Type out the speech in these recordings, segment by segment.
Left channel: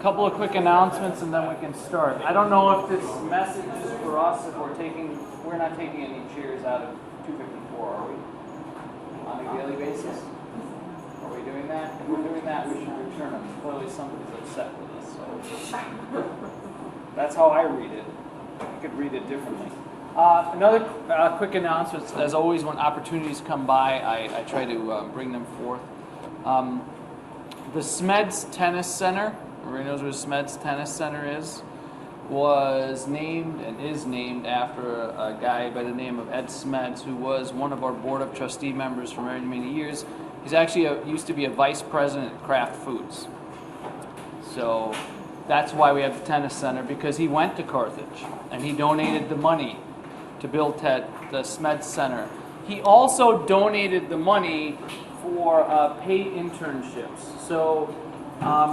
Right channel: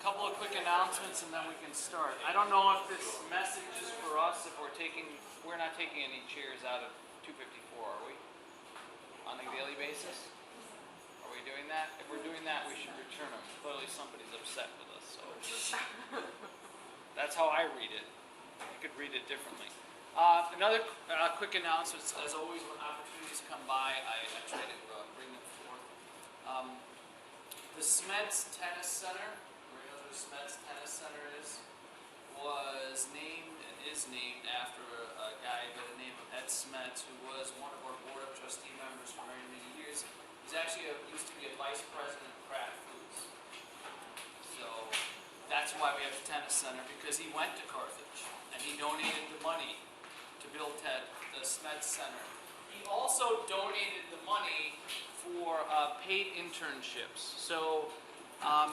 couple of quick announcements and then we can start. I don't know if this message is for us, if we're not taking any chairs out of 254, are we? On a daily basis? Are we doing that? If we're doing that, we should return them. Clearly somebody's upset with us, so that's how I read it. I could read it differently. Another quick announcement, as always, when opportunities come by, I try to bring them forth. The Smeds Tennis Center, everybody knows what Smeds Tennis Center is, was named and is named after a guy by the name of Ed Smeds, who was one of our Board of Trustee members for many, many years. He's actually used to be a vice president at Kraft Foods. So that's why we have the tennis center, because he went to Carthage and he donated the money to build the Smeds Center. He also donated the money for paid internships. So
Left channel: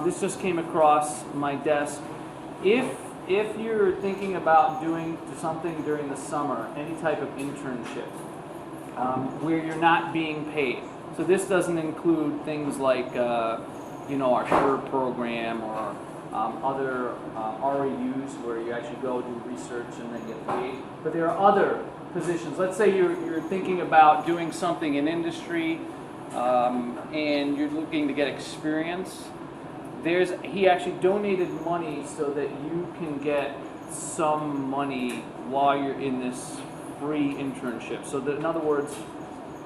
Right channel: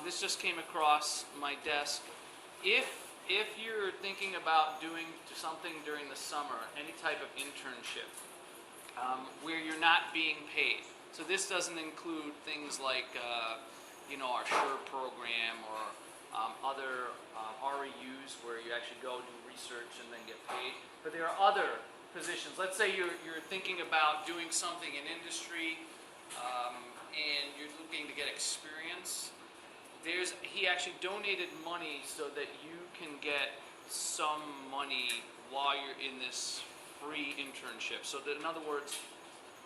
this just came across my desk. If you're thinking about doing something during the summer, any type of internship, where you're not being paid. So this doesn't include things like our SURE program or other REUs where you actually go do research and then get paid. But there are other positions. Let's say you're thinking about doing something in industry and you're looking to get experience. He actually donated money so that you can get some money while you're in this free internship. So that, in other words,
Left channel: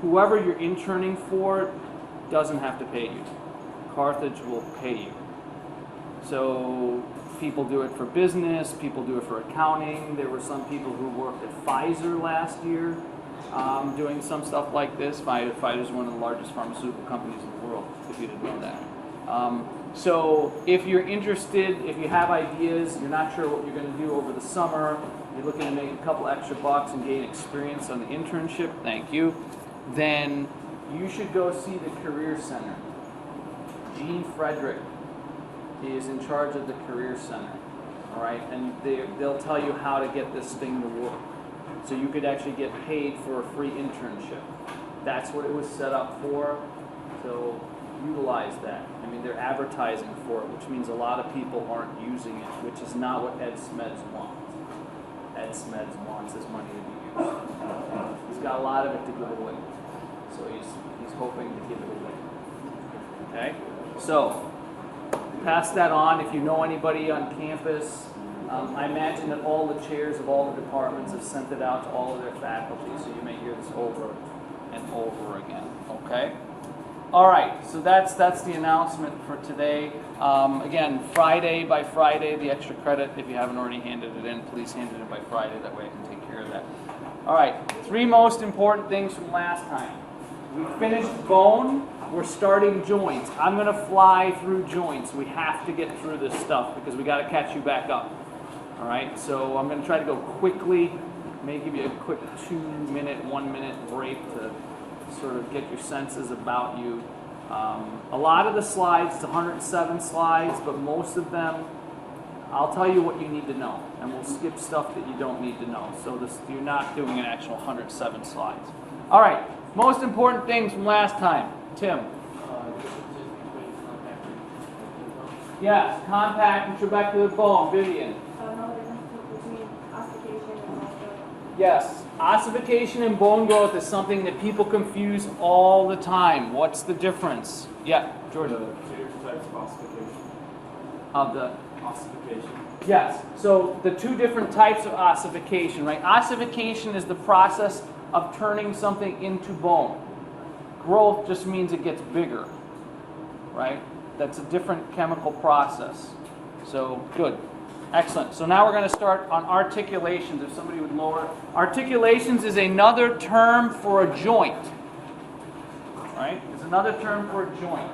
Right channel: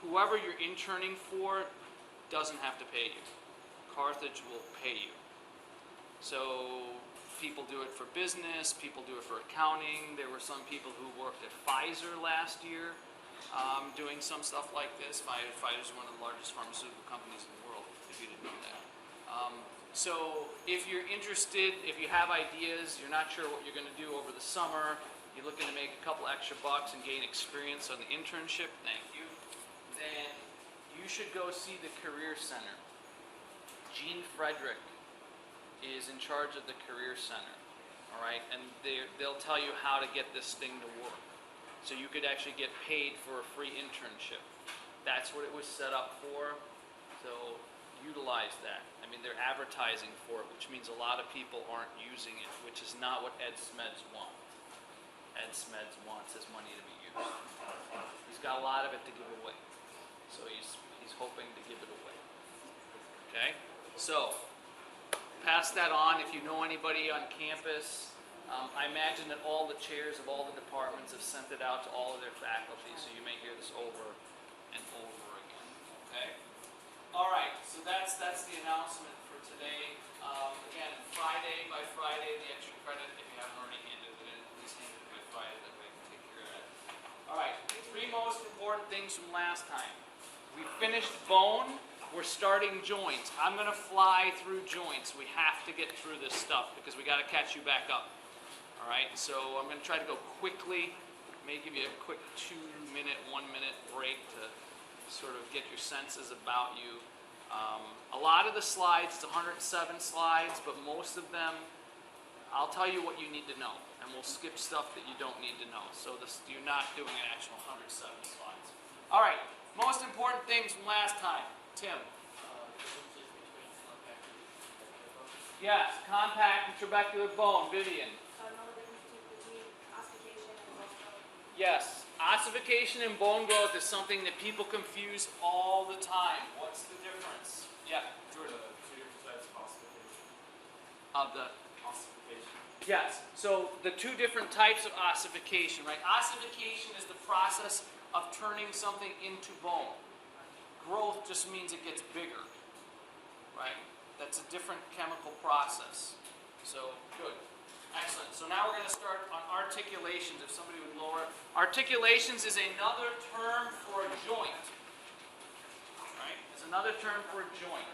whoever you're interning for doesn't have to pay you. Carthage will pay you. So people do it for business, people do it for accounting. There were some people who worked at Pfizer last year doing some stuff like this. Pfizer is one of the largest pharmaceutical companies in the world, if you didn't know that. So if you're interested, if you have ideas, you're not sure what you're going to do over the summer, you're looking to make a couple extra bucks and gain experience on the internship, thank you, then you should go see the Career Center. Gene Frederick is in charge of the Career Center, all right? And they'll tell you how to get this thing to work. So you could actually get paid for a free internship. That's what it was set up for, so utilize that. I mean, they're advertising for it, which means a lot of people aren't using it, which is not what Ed Smeds wants. Ed Smeds wants his money to be used. He's got a lot of it to give away, so he's hoping to give it away. Okay? So, pass that on. If you know anybody on campus, I imagine that all the chairs of all the departments have sent it out to all of their faculty, so you may hear this over and over again. Okay? All right, so that's the announcement for today. Again, Friday by Friday, the extra credit, if you haven't already handed it in, please hand it in by Friday. That way I can take care of that. All right, 3 most important things from last time. We finished bone. We're starting joints. I'm going to fly through joints. We have to get through this stuff because we got to catch you back up. All right, so I'm going to try to go quickly. May give you a quick 2-minute, 1-minute break to sort of get your senses about you. A lot of the slides, it's 107 slides, but most of them, I'll tell you what you need to know, and we'll skip stuff that you don't need to know. So you're not doing an actual 107 slides. All right, most important things from last time. Tim. Yes, compact and trabecular bone. Vivian. Yes, ossification and bone growth is something that people confuse all the time. What's the difference? Yeah, Jordan. The 2 different types of ossification. Of the Ossification. Yes, so the 2 different types of ossification, right? Ossification is the process of turning something into bone. Growth just means it gets bigger, right? That's a different chemical process. So, good. Excellent. So now we're going to start on articulations, if somebody would lower. Articulations is another term for a joint, right? It's another term for a joint.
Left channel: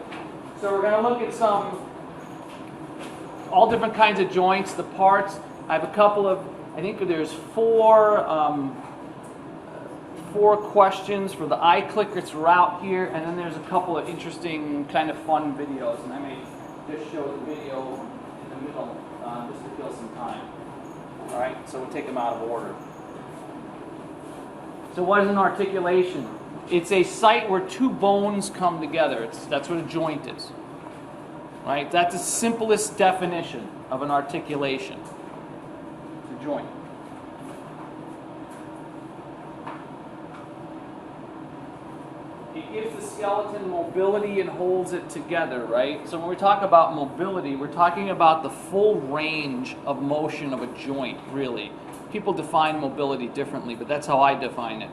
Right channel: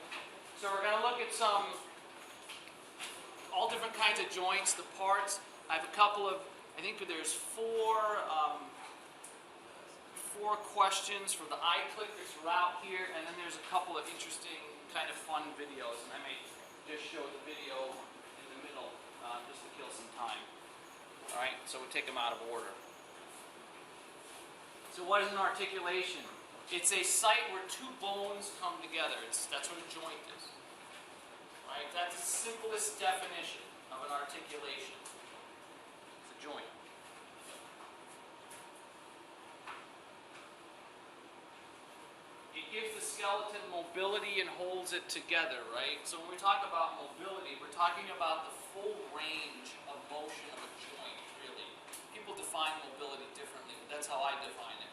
So we're going to look at all different kinds of joints, the parts. I have a couple of, I think there's 4 questions for the iClicker throughout here, and then there's a couple of interesting kind of fun videos, and I may just show the video in the middle just to kill some time. All right, so we'll take them out of order. So what is an articulation? It's a site where 2 bones come together. That's what a joint is. right? That's the simplest definition of an articulation. It's a joint. It gives the skeleton mobility and holds it together, right? So when we talk about mobility, we're talking about the full range of motion of a joint, really. People define mobility differently, but that's how I define it.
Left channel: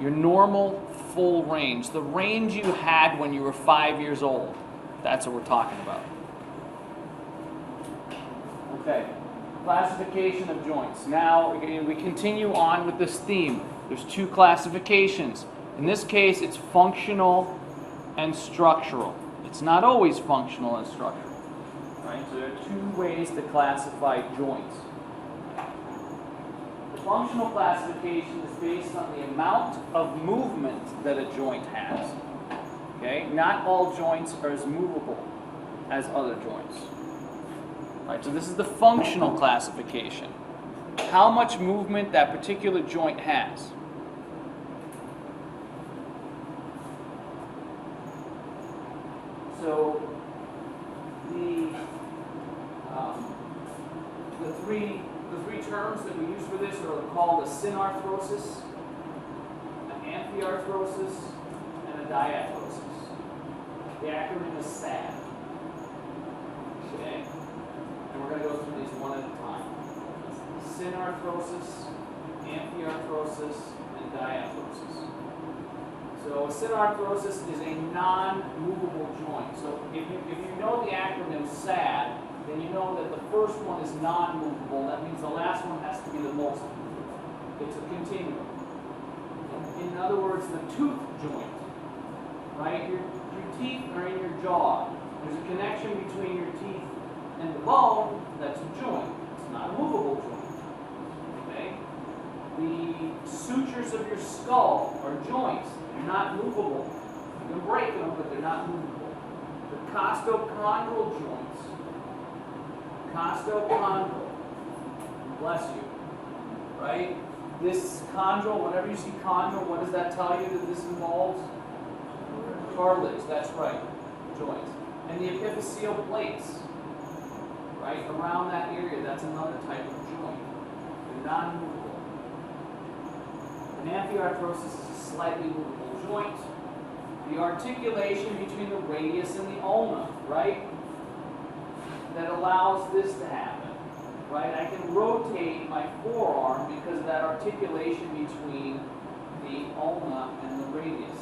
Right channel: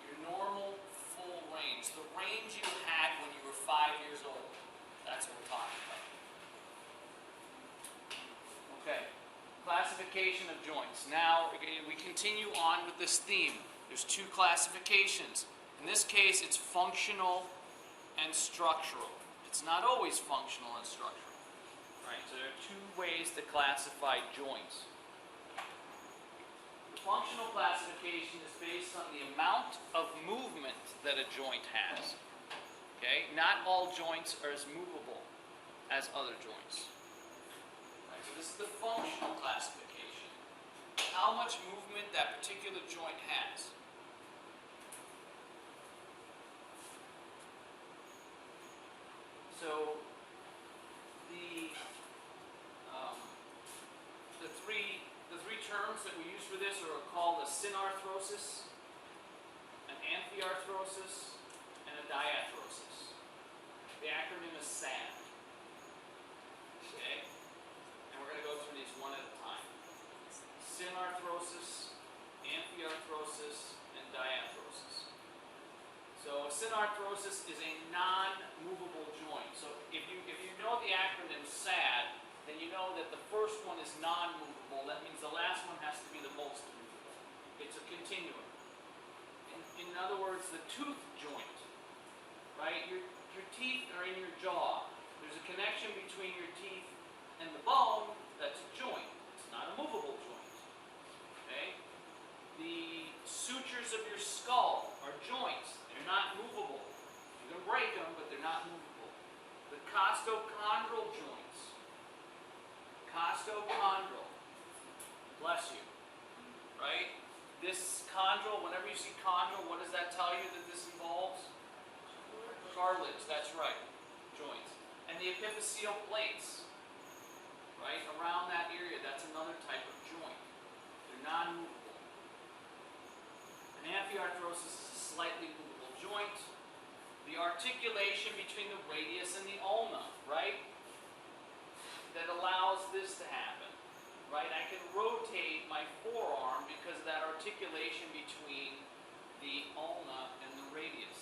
Your normal full range, the range you had when you were 5 years old. That's what we're talking about. Okay, classification of joints. Now we continue on with this theme. There's two classifications. In this case, it's functional and structural. It's not always functional and structural, right? So there are two ways to classify joints. The functional classification is based on the amount of movement that a joint has. Okay? Not all joints are as movable as other joints. Right? So this is the functional classification. How much movement that particular joint has. So the three terms that we use for this are called a synarthrosis, an amphiarthrosis, and a diarthrosis. The acronym is SAD. Okay? And we're going to go through these one at a time. Synarthrosis, amphiarthrosis, and diarthrosis. So a synarthrosis is a non-movable joint. So if you know the acronym SAD, then you know that the first one is non-movable. That means the last one has to be the most movable. It's a continuum. In other words, the tooth joint, right? Your teeth are in your jaw. There's a connection between your teeth and the bone. That's a joint. It's not a movable joint. Okay? The sutures of your skull are joints. They're not movable. You can break them, but they're not movable. The costochondral joints. Costochondral. Bless you. Right? This chondral, whenever you see chondral, what does that tell you that this involves? Cartilage. That's right. Joints. And the epiphyseal plates. Right? Around that area, that's another type of joint. They're non-movable. An amphiarthrosis is a slightly movable joint. The articulation between the radius and the ulna, right? That allows this to happen, right? I can rotate my forearm because of that articulation between the ulna and the radius.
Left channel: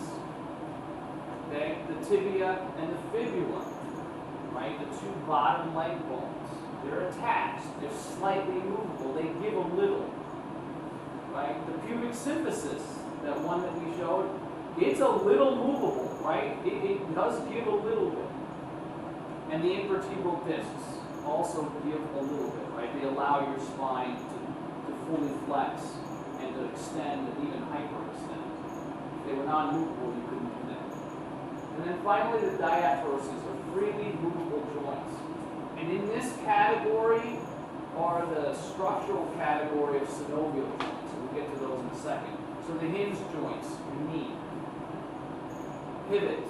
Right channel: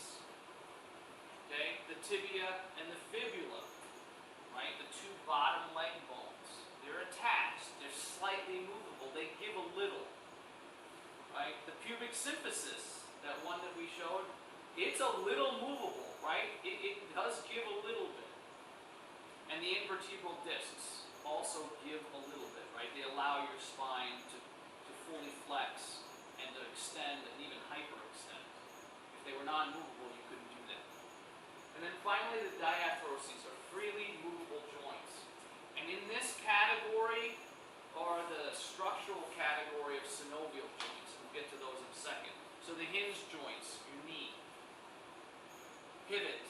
Okay? The tibia and the fibula, right? The two bottom leg bones. They're attached. They're slightly movable. They give a little. Right? The pubic symphysis, that one that we showed, it's a little movable, right? It does give a little bit. And the intervertebral discs also give a little bit, right? They allow your spine to fully flex and to extend and even hyperextend. If they were non-movable, you couldn't do that. And then finally, the diarthroses are freely movable joints. And in this category are the structural category of synovial joints. We'll get to those in a second. So the hinge joints, your knee. Pivot,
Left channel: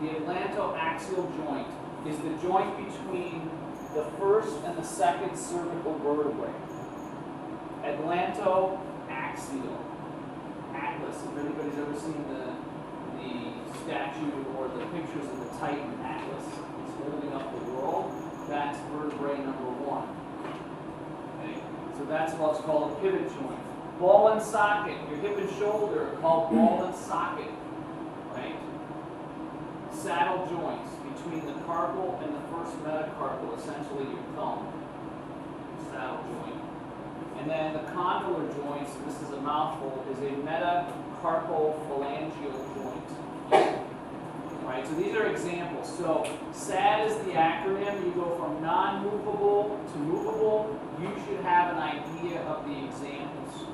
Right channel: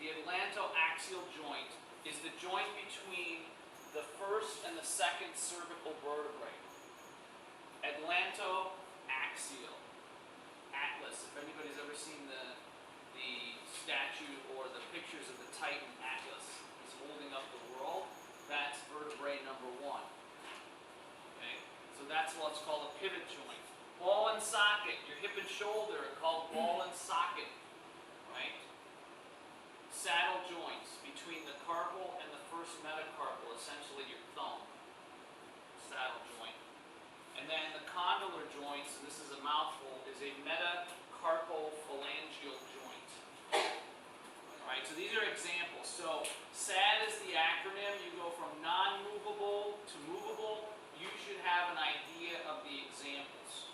the atlantoaxial joint, is the joint between the first and the second cervical vertebrae. Atlantoaxial. Atlas, if anybody's ever seen the statue or the pictures of the Titan Atlas, it's holding up the world, that's vertebrae number 1. Okay? So that's what's called a pivot joint. Ball and socket, your hip and shoulder are called ball and socket. Right? Saddle joints between the carpal and the first metacarpal, essentially your thumb. Saddle joint. And then the condylar joints, this is a mouthful, is a metacarpal phalangeal joint. Right? So these are examples. So SAD is the acronym. You go from non-movable to movable. You should have an idea of the examples.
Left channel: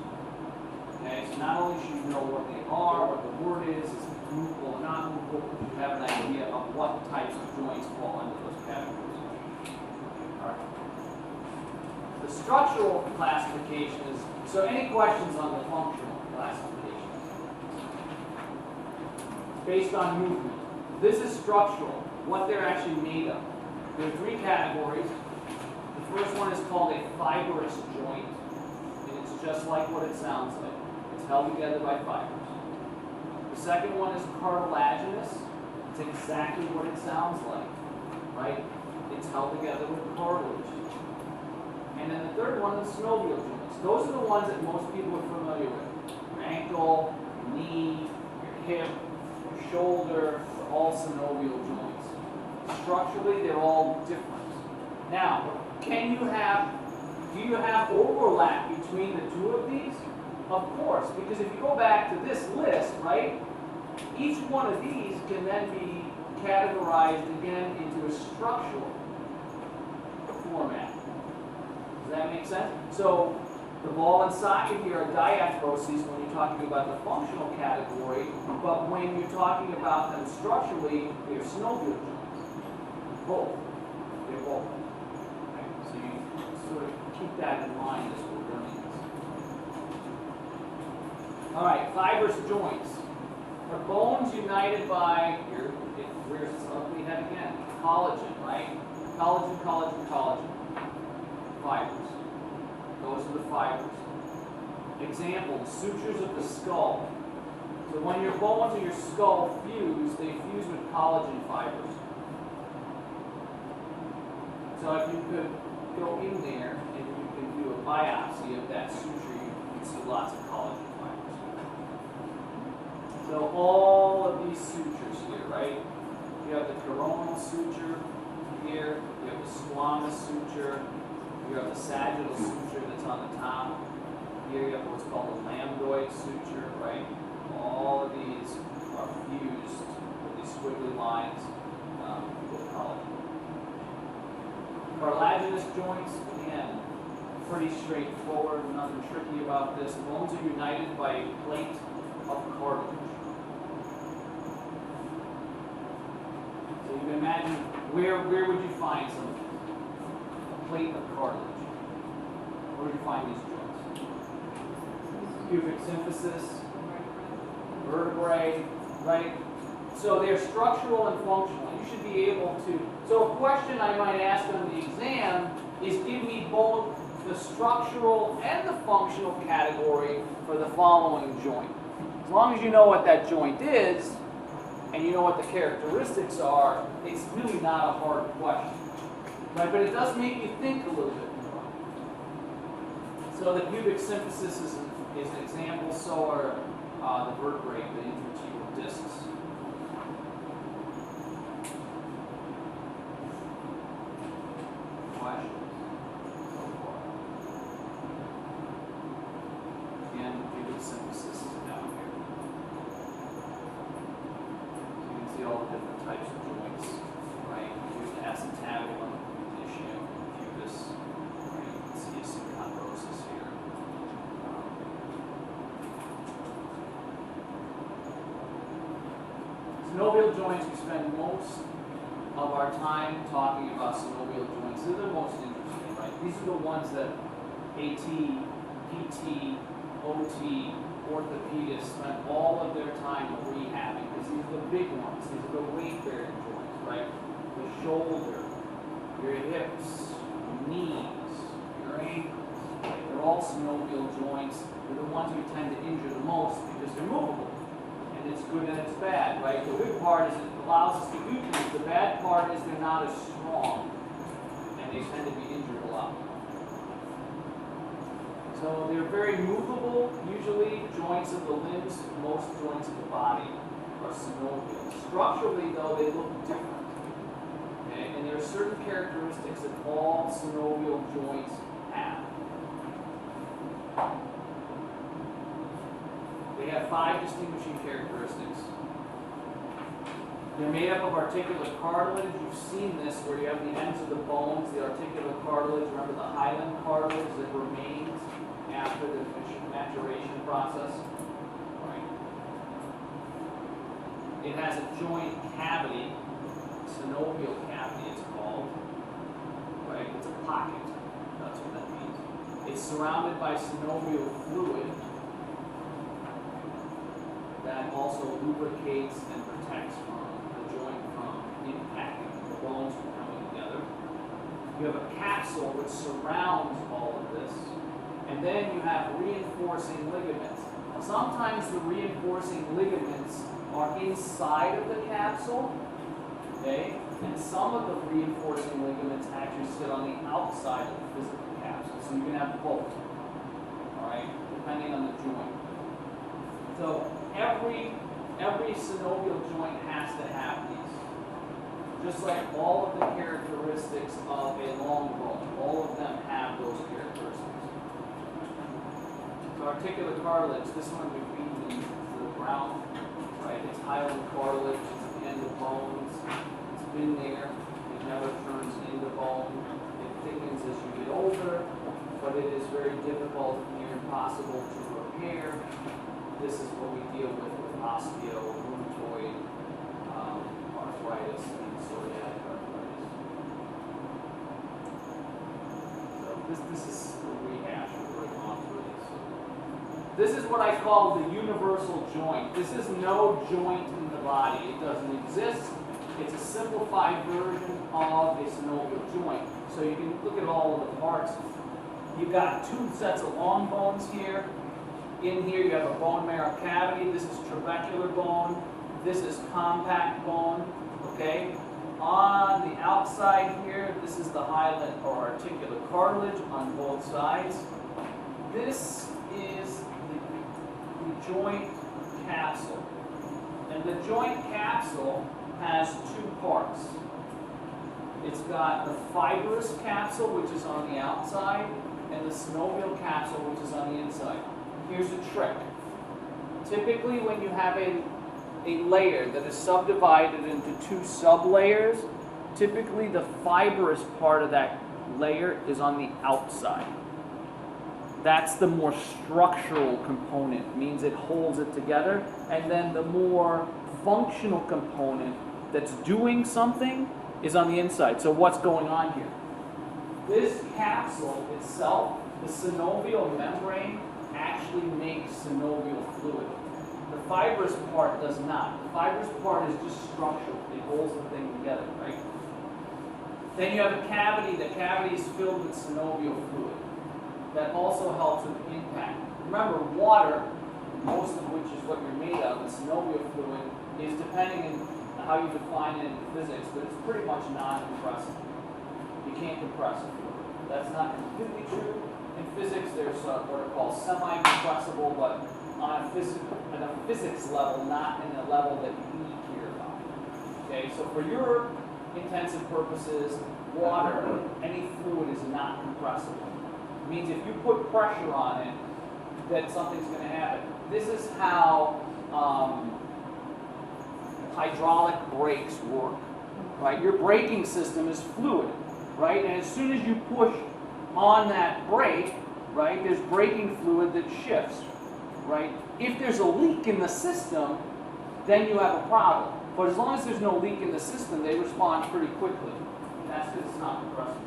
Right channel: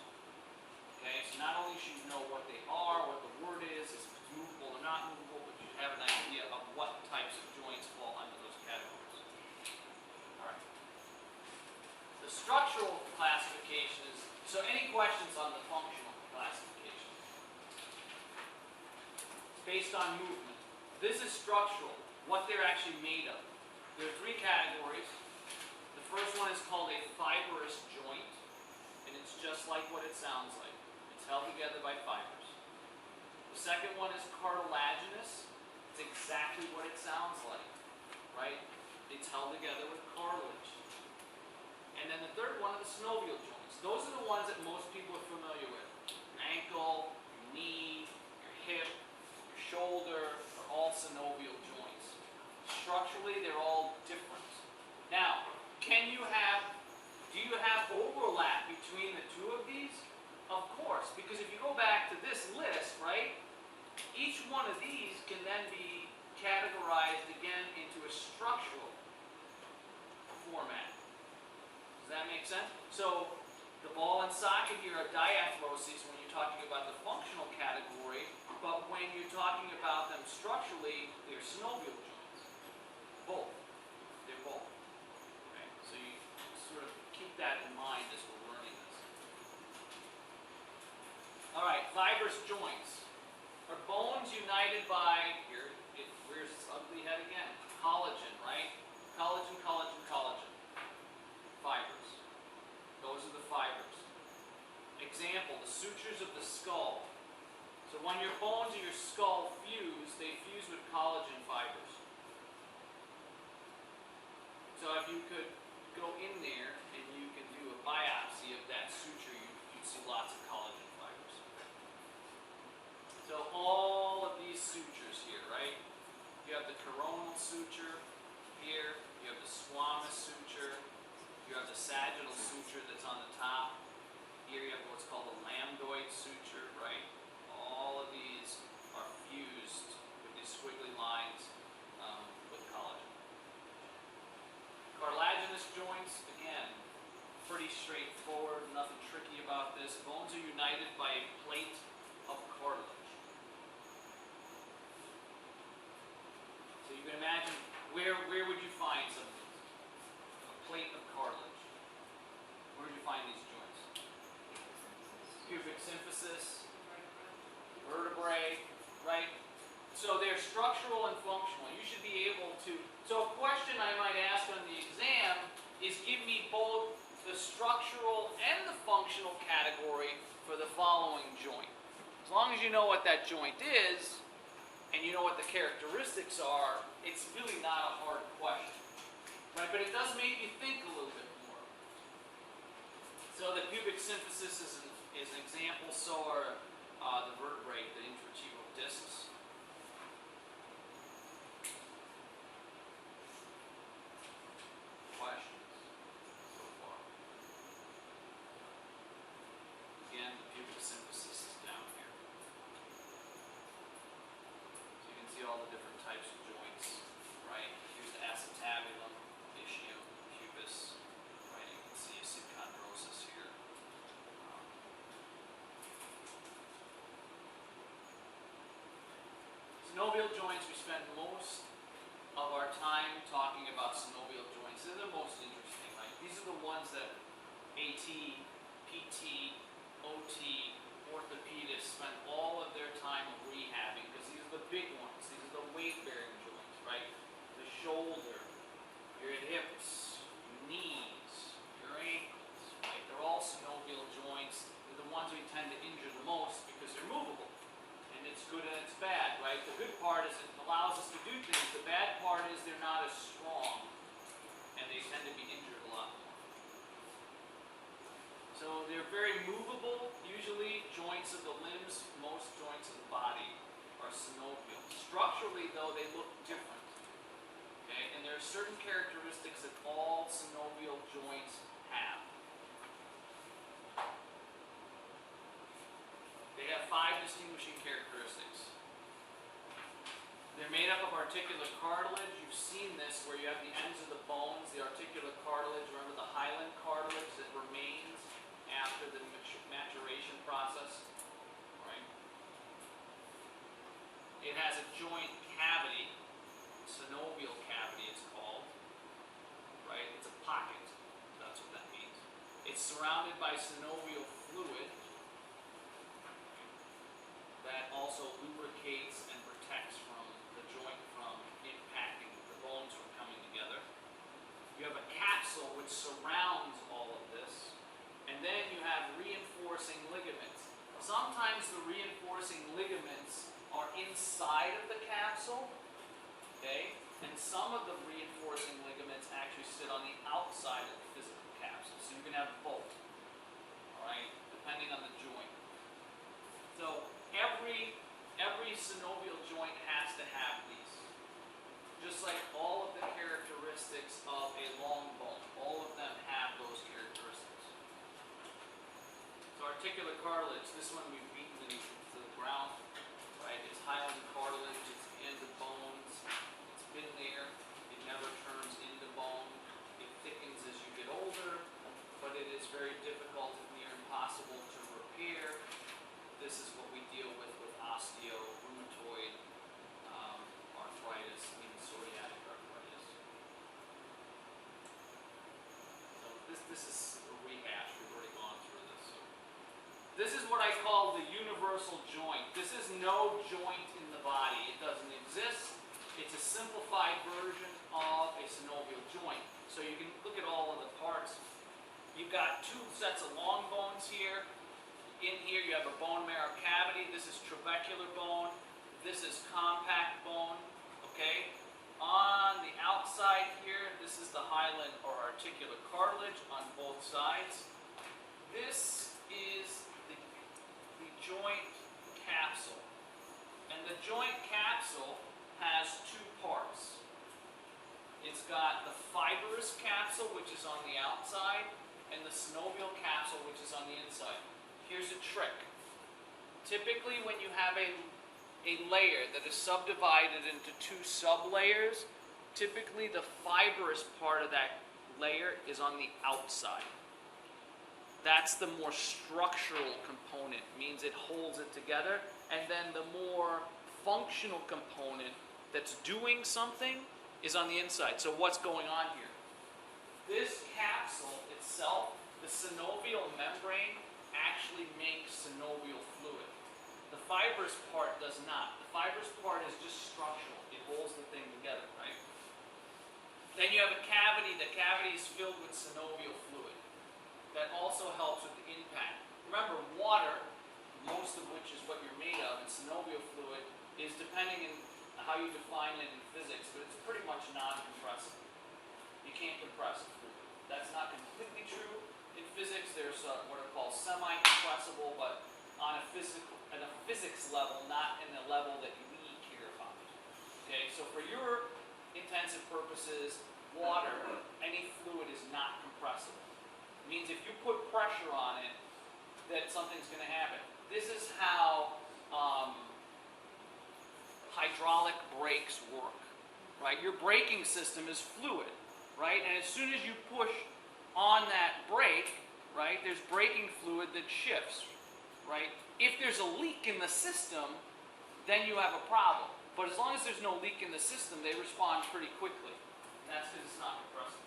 Okay? So not only should you know what they are, what the word is movable or not movable, but you have an idea of what types of joints fall under those categories. All right. The structural classification is, so any questions on the functional classification? It's based on movement. This is structural, what they're actually made of. There are three categories. The first one is called a fibrous joint, and it's just like what it sounds like. It's held together by fibers. The second one is cartilaginous. It's exactly what it sounds like, right? It's held together with cartilage. And then the third one is synovial joints. Those are the ones that most people are familiar with. Your ankle, your knee, your hip, your shoulder, are all synovial joints. Structurally, they're all different. Now, do you have overlap between the two of these? Of course, because if you go back to this list, right, each one of these can then be categorized again into a structural format. Does that make sense? So the ball and socket here are diarthroses when you're talking about the functional category, but when you're talking about them structurally, they're synovial joints. Both. They're both. Okay? So you sort of keep that in mind as we're learning this. All right, fibrous joints are bones united by, where's this ugly head again? Collagen, right? Collagen, collagen, collagen. Fibers. Those are the fibers. Example, the sutures of the skull. So when your bones and your skull fuse, they fuse with collagen fibers. So if you could go in there and you can do a biopsy of that suture, you'd see lots of collagen fibers. So all of these sutures here, right? You have the coronal suture here, you have the squamous suture, you have the sagittal suture that's on the top. Here you have what's called the lambdoid suture, right? All of these are fused with these squiggly lines with collagen. Cartilaginous joints, again, pretty straightforward, nothing tricky about this. Bones are united by a plate of cartilage. So you can imagine, where would you find some of these? A plate of cartilage. Where would you find these joints? Pubic symphysis, vertebrae, right? So they're structural and functional. You should be able to, so a question I might ask on the exam is give me both the structural and the functional category for the following joint. As long as you know what that joint is, and you know what the characteristics are, it's really not a hard question. Right? But it does make you think a little bit more. So the pubic symphysis is an example, so are the vertebrae, the intervertebral discs. Questions so far? Again, pubic symphysis is down here. So you can see all the different types of joints, right? Here's the acetabulum, ischium, pubis, right? You can see synchondrosis here. Synovial joints, we spend most of our time talking about synovial joints. They're the most interesting, right? These are the ones that AT, PT, OT, orthopedists spend all of their time rehabbing, because these are the big ones. These are the weight-bearing joints, right? The shoulder, your hips, knees, your ankles, right? They're all synovial joints. They're the ones we tend to injure the most because they're movable. And it's good and it's bad, right? The good part is it allows us to do things. The bad part is they're not as strong, and they tend to be injured a lot more. So they're very movable, usually. Joints of the limbs, most joints of the body are synovial. Structurally, though, they look different. Okay? And there are certain characteristics that all synovial joints have. They have 5 distinguishing characteristics. They're made up of articular cartilage. You've seen this where you have the ends of the bones, the articular cartilage. Remember the hyaline cartilage that remains after the maturation process? Right. It has a joint cavity, synovial cavity it's called. Right? It's a pocket. That's what that means. It's surrounded by synovial fluid that also lubricates and protects from the joint from impacting the bones from coming together. You have a capsule which surrounds all of this. And then you have reinforcing ligaments. Sometimes the reinforcing ligaments are inside of the capsule, okay? And some of the reinforcing ligaments actually sit on the outside of the physical capsule. So you can have both, all right, depending on the joint. So every synovial joint has to have these. Just like all of the characteristics of a long bone, all of them have those characteristics. So articular cartilage, this one we've beaten into the ground, right? It's hyaline cartilage, it's at the end of bones, it's been there, it never turns into bone, it thickens as you get older, but it is very difficult, near impossible to repair. This is what we deal with osteo, rheumatoid, arthritis, and psoriatic arthritis. So this is a rehash. We're already gone through this. This is what I call the universal joint. This is no joint in the body. It doesn't exist. It's a simplified version of a synovial joint. So you can look at all of the parts. You've got two sets of long bones here. In here you have a bone marrow cavity. This is trabecular bone. This is compact bone. Okay? On the outside here, this is the hyaline or articular cartilage on both sides. This is the joint capsule. And the joint capsule has two parts. It's got the fibrous capsule, which is on the outside, and the synovial capsule, which is on the inside. Here's a trick. Typically, when you have a layer that is subdivided into two sub-layers, typically the fibrous part of that layer is on the outside. That's the more structural component, means it holds it together, and then the more functional component that's doing something is on the inside. So what's going on here? This capsule itself, the synovial membrane, actually makes synovial fluid. The fibrous part does not. The fibrous part is just structural. It holds the thing together, right? Then you have a cavity. The cavity is filled with synovial fluid. That also helps with the impact. Remember, water, most of which is what you're made of, and synovial fluid, is depending on how you define it in physics, but it's pretty much non-compressible. You can't compress it. That's not completely true. In physics, there's what are called semi-compressible, but on a physics level, not in a level that we care about. Okay, so for your intensive purposes, water, any fluid is not compressible. It means if you put pressure on it, that something's going to happen. This is how hydraulic brakes work, right? Your braking system is fluid, right? And as soon as you push on that brake, right, there's braking fluid that shifts, right? If there's a leak in the system, then you have a problem. But as long as there's no leak in the system, they respond pretty quickly. And that's because it's not compressible.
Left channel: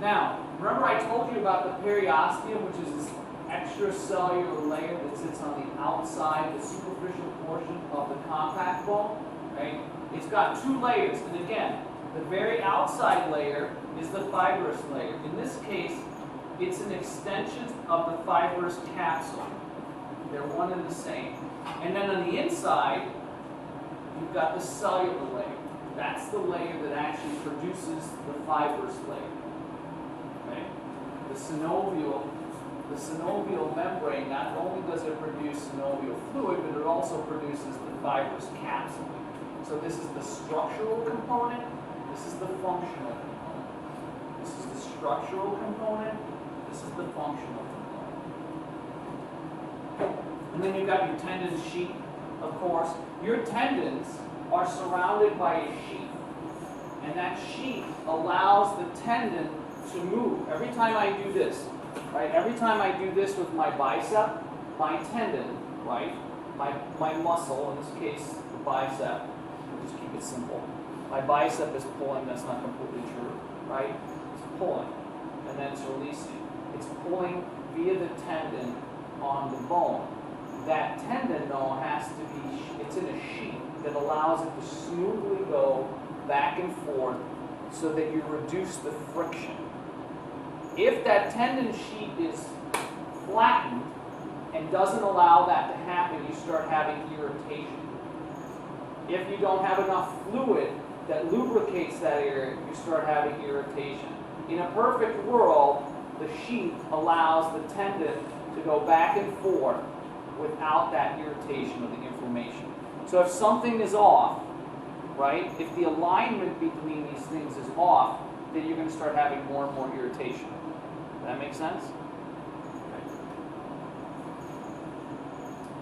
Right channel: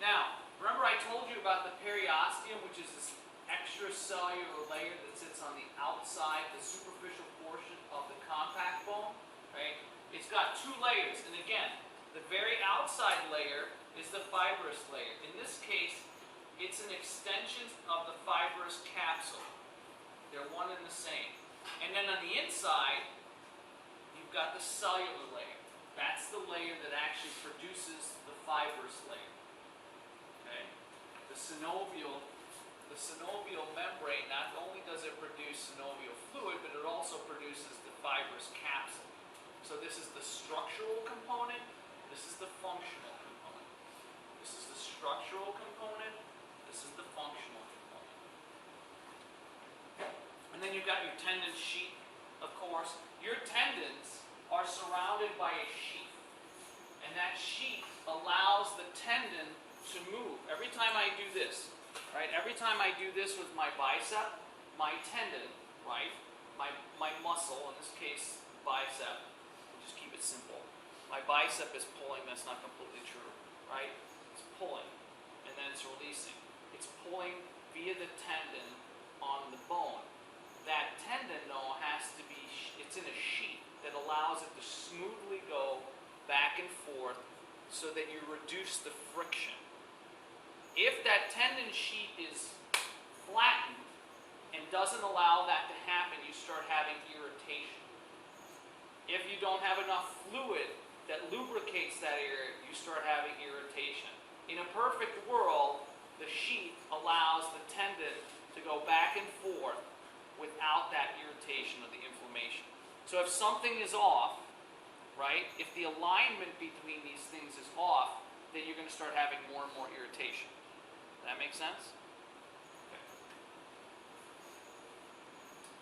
Now, remember I told you about the periosteum, which is this extracellular layer that sits on the outside, the superficial portion of the compact bone, right? It's got two layers, and again, the very outside layer is the fibrous layer. In this case, it's an extension of the fibrous capsule. They're one and the same. And then on the inside, you've got the cellular layer. That's the layer that actually produces the fibrous layer. Okay? The synovial membrane, not only does it produce synovial fluid, but it also produces the fibrous capsule. So this is the structural component, this is the functional component. This is the structural component, this is the functional component. And then you've got your tendon sheath, of course. Your tendons are surrounded by a sheath. And that sheath allows the tendon to move. Every time I do this, right? Every time I do this with my bicep, my tendon, right? My muscle, in this case, the bicep, we'll just keep it simple. My bicep is pulling, that's not completely true, right? It's pulling, and then it's releasing. It's pulling via the tendon on the bone. That tendon, though, has to be, it's in a sheath that allows it to smoothly go back and forth so that you reduce the friction. If that tendon sheet is flattened and doesn't allow that to happen, you start having irritation. If you don't have enough fluid that lubricates that area, you start having irritation. In a perfect world, the sheath allows the tendon to go back and forth without that irritation or the inflammation. So if something is off, right, if the alignment between these things is off, then you're going to start having more and more irritation. Does that make sense? Okay.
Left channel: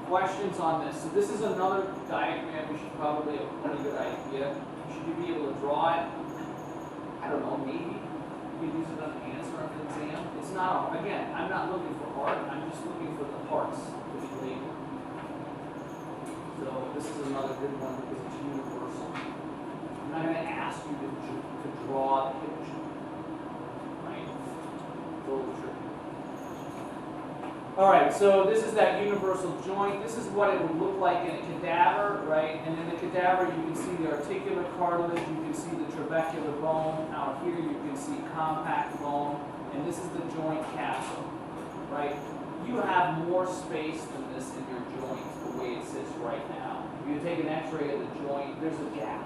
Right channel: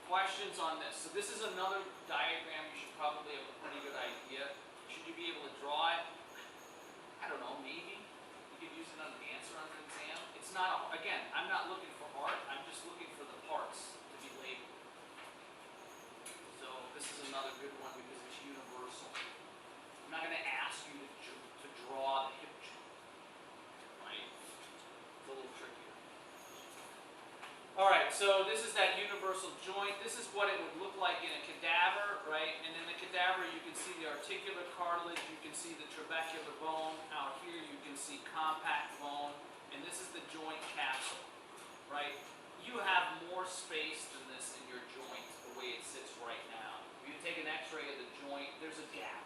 Questions on this? So this is another diagram. We should probably have a pretty good idea. Should you be able to draw it? I don't know, maybe. You can use it on an answer on an exam. It's not, again, I'm not looking for art. I'm just looking for the parts to be labeled. So this is another good one because it's universal. I'm not going to ask you to draw the hip joint. Right? It's a little tricky. All right, so this is that universal joint. This is what it would look like in a cadaver, right? And in the cadaver, you can see the articular cartilage, you can see the trabecular bone. Out here, you can see compact bone, and this is the joint capsule, right? You have more space than this in your joint the way it sits right now. If you take an X-ray of the joint, there's a gap,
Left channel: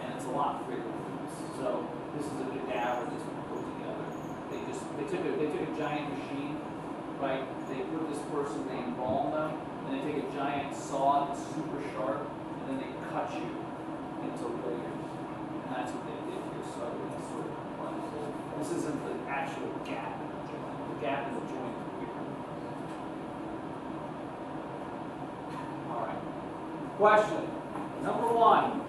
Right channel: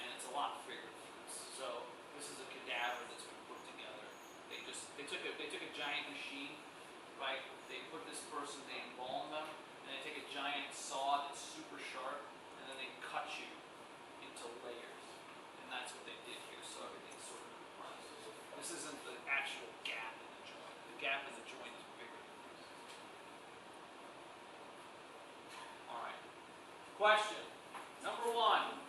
and it's a lot bigger than this. So this is a cadaver that's been put together. They took a giant machine. Right? They put this person, they embalm them, and they take a giant saw that's super sharp, and then they cut you into layers. And that's what they did here, so it's sort of complex. This isn't the actual gap in the joint. The gap in the joint is bigger. Alright. Question. Number 1.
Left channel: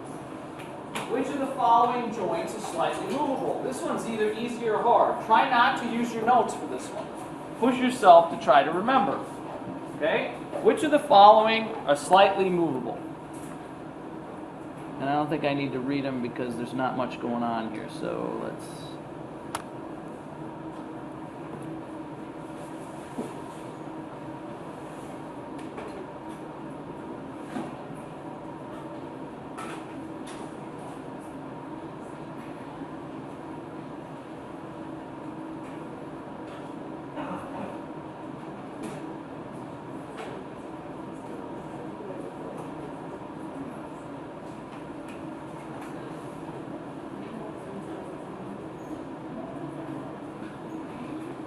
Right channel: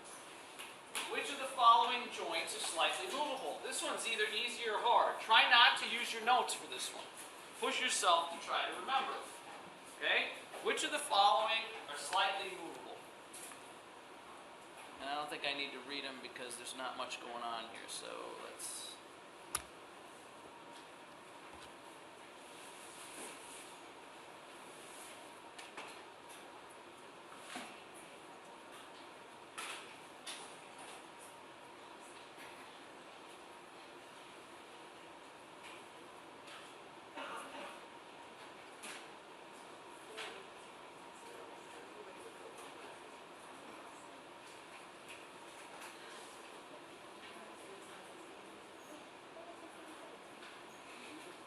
Which of the following joints is slightly movable? This one's either easy or hard. Try not to use your notes for this one. Push yourself to try to remember. Okay? Which of the following are slightly movable? And I don't think I need to read them because there's not much going on here. So let's...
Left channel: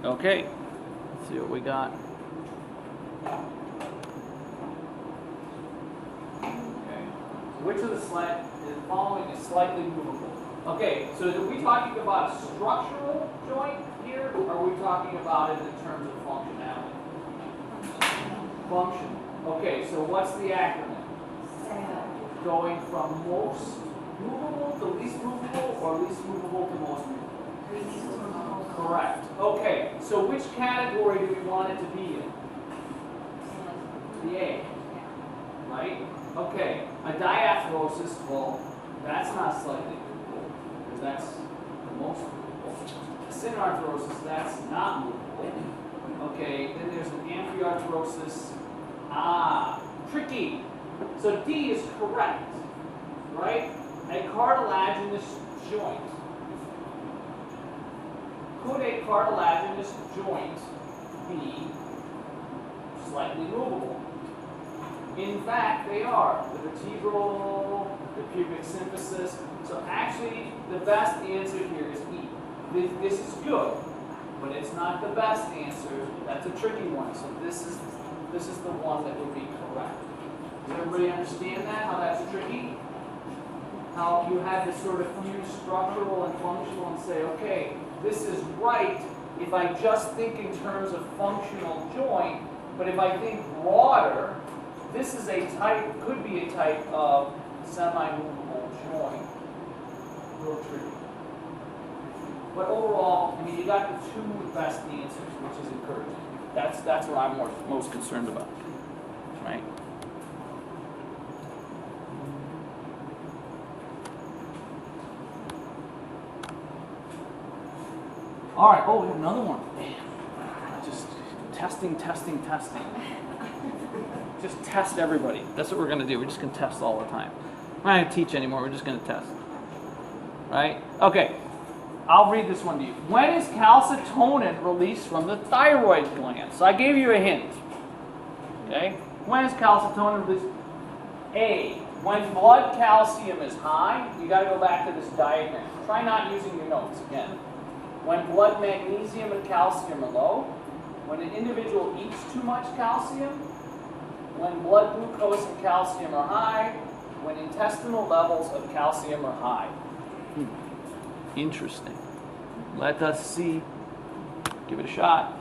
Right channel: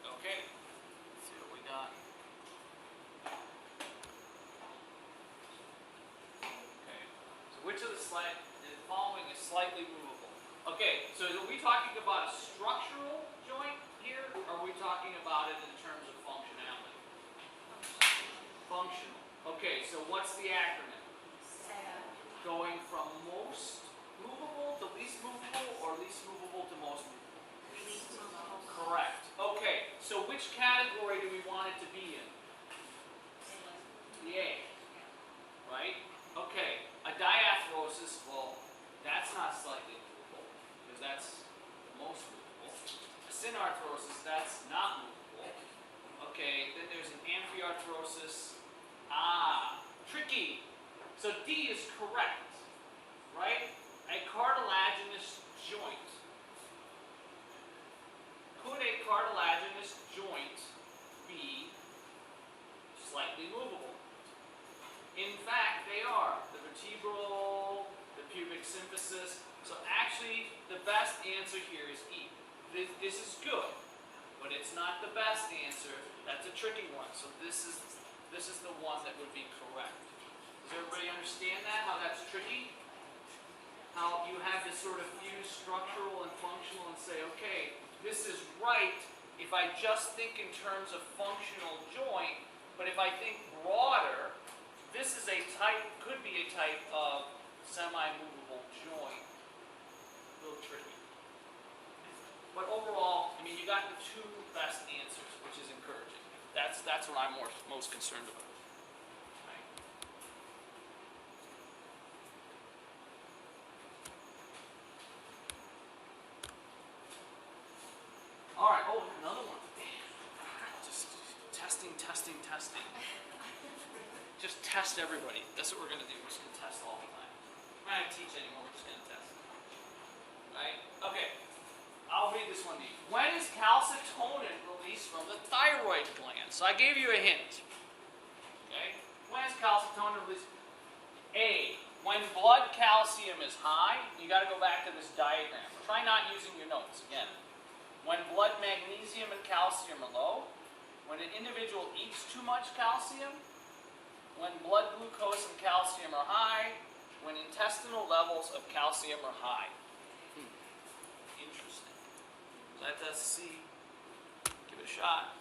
Okay, let's see what we got. Okay, so which of the following is slightly movable? Okay, so are we talking about a structural joint here, or are we talking about it in terms of functionality? Function. Okay, so what's the acronym? Going from most movable to least movable, or least movable to most movable? Correct. Okay, so which category do we want it to be in? The A. Right? Okay, a diatherosis, well, that's not slightly movable, because that's the most movable. A synarthrosis, that's not movable. Okay, then there's an amphiarthrosis. Tricky. So D is correct, right? A cartilaginous joint. Could a cartilaginous joint be slightly movable? In fact, they are. The vertebral, the pubic symphysis. So actually, the best answer here is E. This is good, but it's not the best answer. That's a tricky one. So this is the one that would be correct. Does everybody understand that, how that's tricky? How you have to sort of fuse structural and functional and say, okay, this is right if I just think in terms of functional joint, but if I think broader, this is a type, could be a type of semi-movable joint. A little tricky. But overall, I mean, you got the two best answers, which is encouraging. That's what I'm most concerned about, right? All right, oh, we have another one. Just testing. Just test everybody. That's what we're going to do. We're just going to test all the time. We're not going to teach anymore. We're just going to test. Right? Okay. I'll read this one to you. When is calcitonin released from the thyroid gland? So I gave you a hint. Okay? When is calcitonin released? A, when blood calcium is high, you got to go back to this diagram. Try not using your notes again. When blood magnesium and calcium are low, when an individual eats too much calcium, when blood glucose and calcium are high, when intestinal levels of calcium are high. Interesting. Let us see. Give it a shot.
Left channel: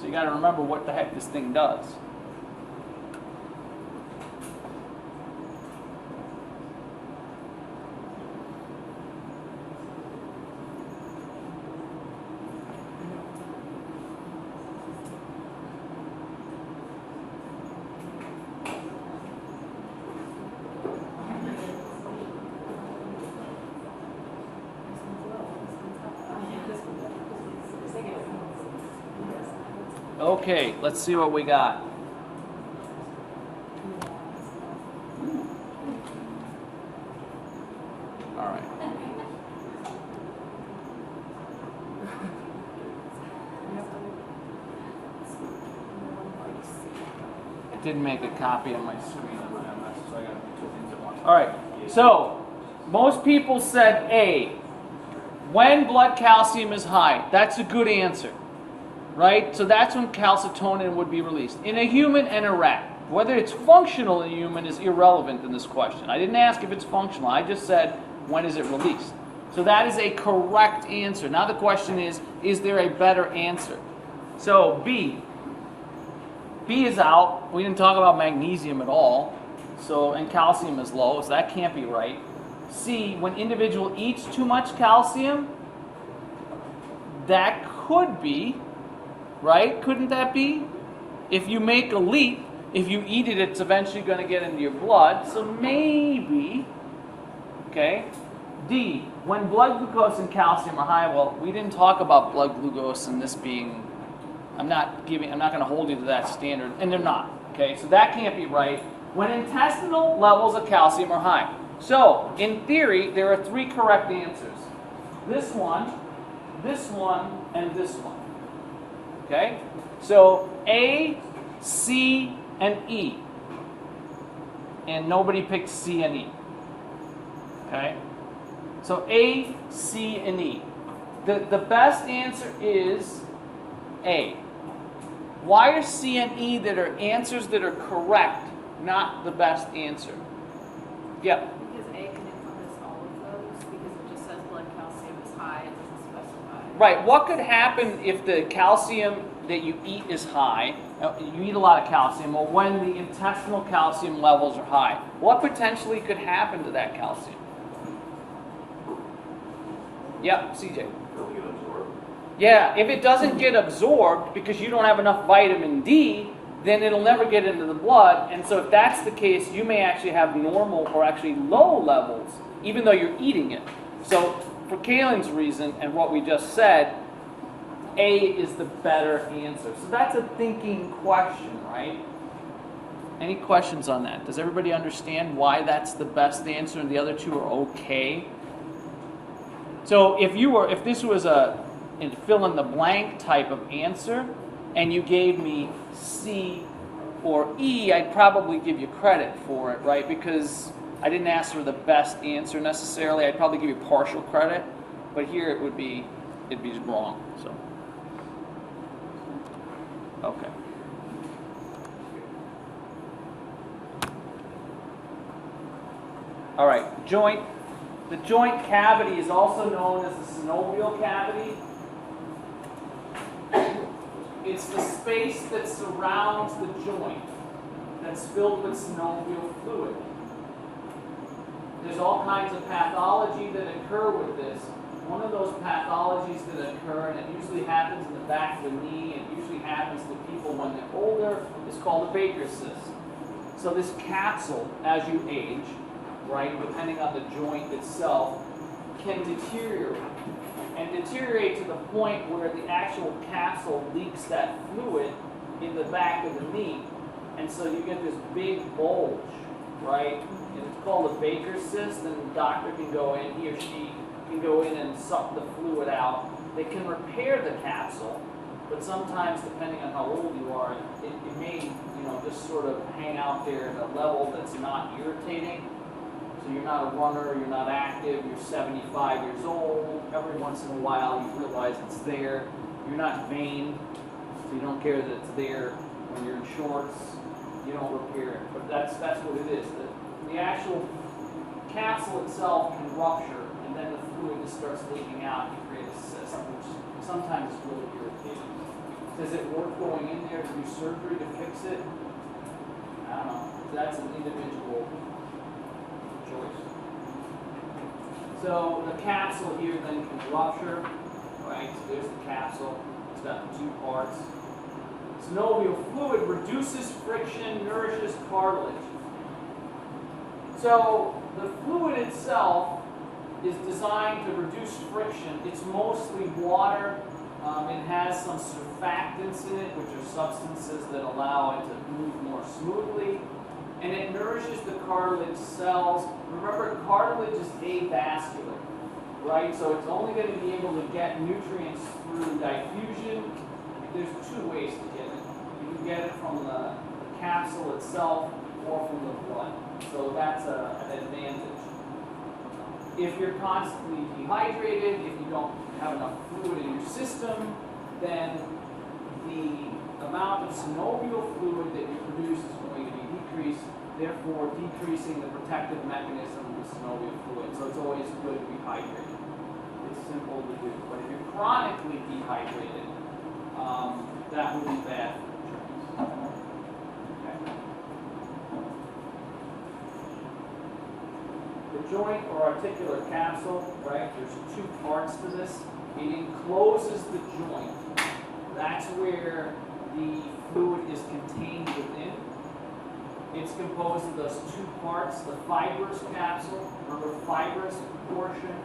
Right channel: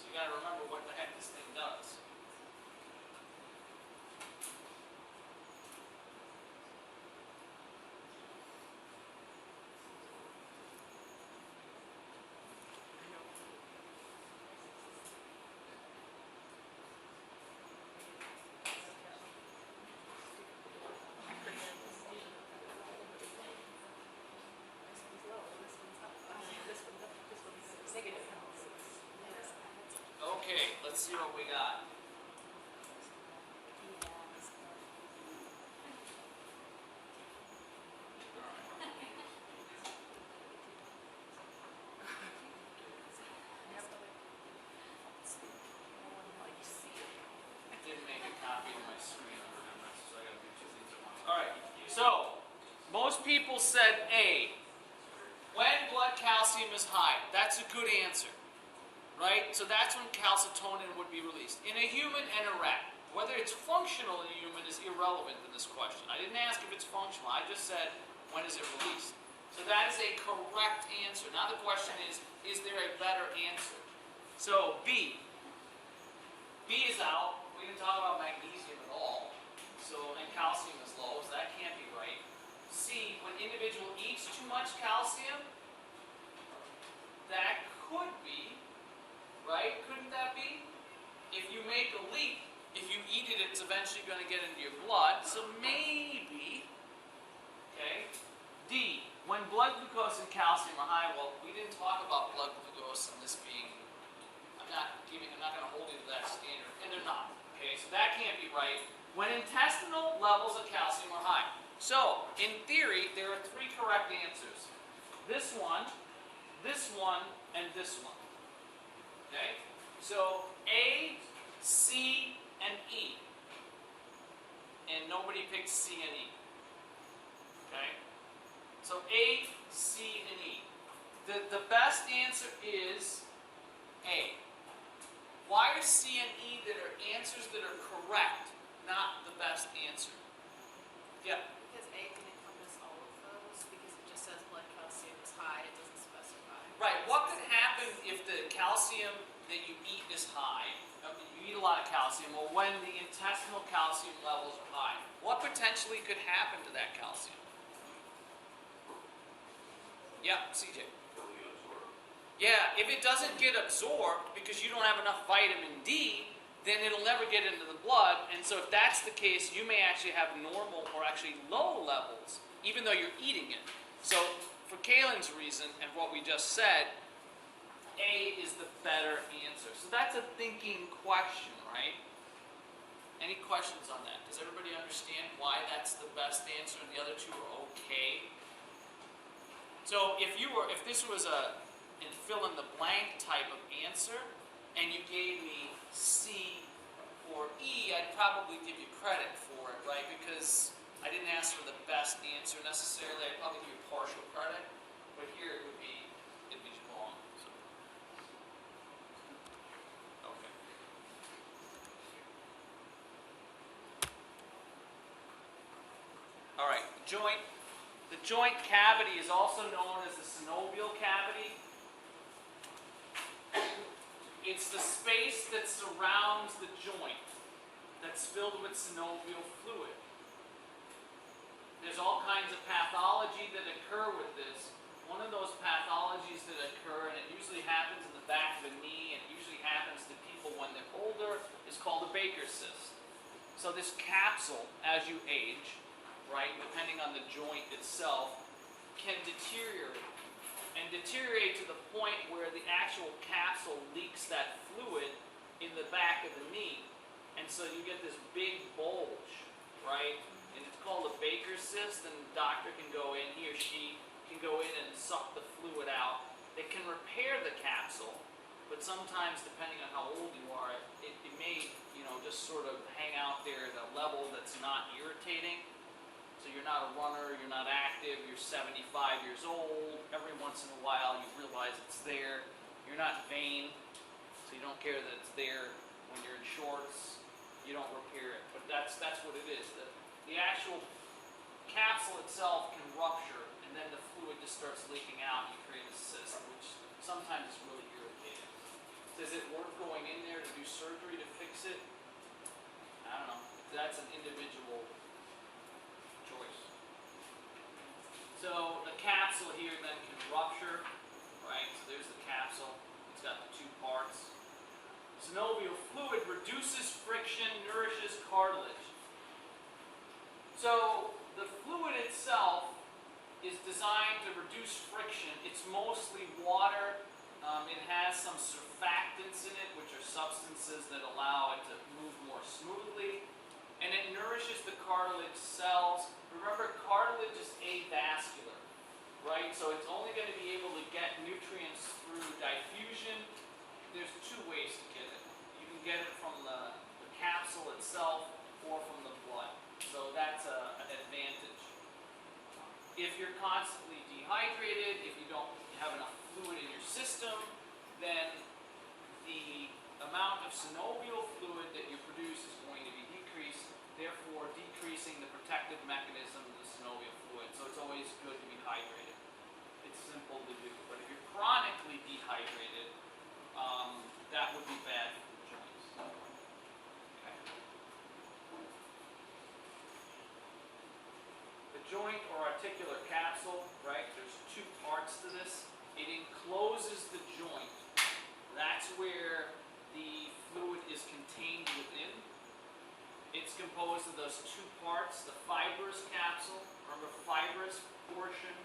So you got to remember what the heck this thing does. Okay, let's see what we got. All right. I didn't make a copy on my screen on my MS, so I got to do two things at once. All right, so most people said A. When blood calcium is high, that's a good answer. Right? So that's when calcitonin would be released. In a human and a rat. Whether it's functional in a human is irrelevant in this question. I didn't ask if it's functional. I just said, when is it released? So that is a correct answer. Now the question is there a better answer? So B. B is out. We didn't talk about magnesium at all. So, and calcium is low, so that can't be right. C, when individual eats too much calcium, that could be. Right? Couldn't that be? If you make a leap, if you eat it, it's eventually going to get into your blood. So maybe, okay? D, when blood glucose and calcium are high, well, we didn't talk about blood glucose and this being, I'm not going to hold you to that standard, and they're not, okay? So that can't be right. When intestinal levels of calcium are high. So, in theory, there are three correct answers. This one, and this one. Okay? So A, C, and E. And nobody picked C and E. Okay? So A, C, and E. The best answer is A. Why are C and E that are answers that are correct not the best answer? Yep. Because A can encompass all of those, because it just says blood calcium is high, it doesn't specify. Right. What could happen if the calcium that you eat is high? You eat a lot of calcium. Well, when the intestinal calcium levels are high, what potentially could happen to that calcium? Yep, CJ. Yeah, if it doesn't get absorbed because you don't have enough vitamin D, then it'll never get into the blood. And so if that's the case, you may actually have normal or actually low levels, even though you're eating it. So for Kaylin's reason and what we just said, A is the better answer. So that's a thinking question, right? Any questions on that? Does everybody understand why that's the best answer and the other two are okay? So if this was a fill in the blank type of answer, and you gave me C or E, I'd probably give you credit for it, right? Because I didn't ask for the best answer necessarily. I'd probably give you partial credit, but here it'd be wrong. So, okay. All right, the joint cavity is also known as the synovial cavity. It's the space that surrounds the joint that's filled with synovial fluid. There's all kinds of pathology that occur with this. One of those pathologies that occur, and it usually happens in the back of the knee, and it usually happens to people when they're older, is called a Baker's cyst. So this capsule, as you age, right, depending on the joint itself, can deteriorate. And deteriorate to the point where the actual capsule leaks that fluid in the back of the knee. And so you get this big bulge, right? And it's called a Baker's cyst, and the doctor can go in, he or she can go in and suck the fluid out. They can repair the capsule, but sometimes, depending on how old you are, it may, just sort of hang out there at a level that's not irritating. So you're not a runner, you're not active, you're 75 years old. Every once in a while, you realize it's there. You're not vain, so you don't care that it's there. When you're in shorts, you don't repair it. But that's what it is. The actual capsule itself can rupture, and then the fluid just starts leaking out, and you create a cyst, which sometimes is really irritating. Is it worth going in there to do surgery to fix it? I don't know. That's an individual choice. So the capsule here then can rupture, right? So there's the capsule. It's got the two parts. Synovial fluid reduces friction, nourishes cartilage. So the fluid itself is designed to reduce friction. It's mostly water. It has some surfactants in it, which are substances that allow it to move more smoothly. And it nourishes the cartilage cells. Remember, cartilage is avascular, right? So it's only going to be able to get nutrients through diffusion. There's two ways to get it. You can get it from the capsule itself or from the blood. So that's an advantage. If you're constantly dehydrated, if you don't have enough fluid in your system, then the amount of synovial fluid that you produce is going to be decreased, therefore decreasing the protective mechanism of the synovial fluid. So it's always good to be hydrated. It's simple to do. But if you're chronically dehydrated, that would be bad for the joints. Okay. The joint or articular capsule, right? There's two parts to this. It encloses the joint. That's where the fluid is contained within. It's composed of those two parts. The fibrous capsule, remember, fibrous portion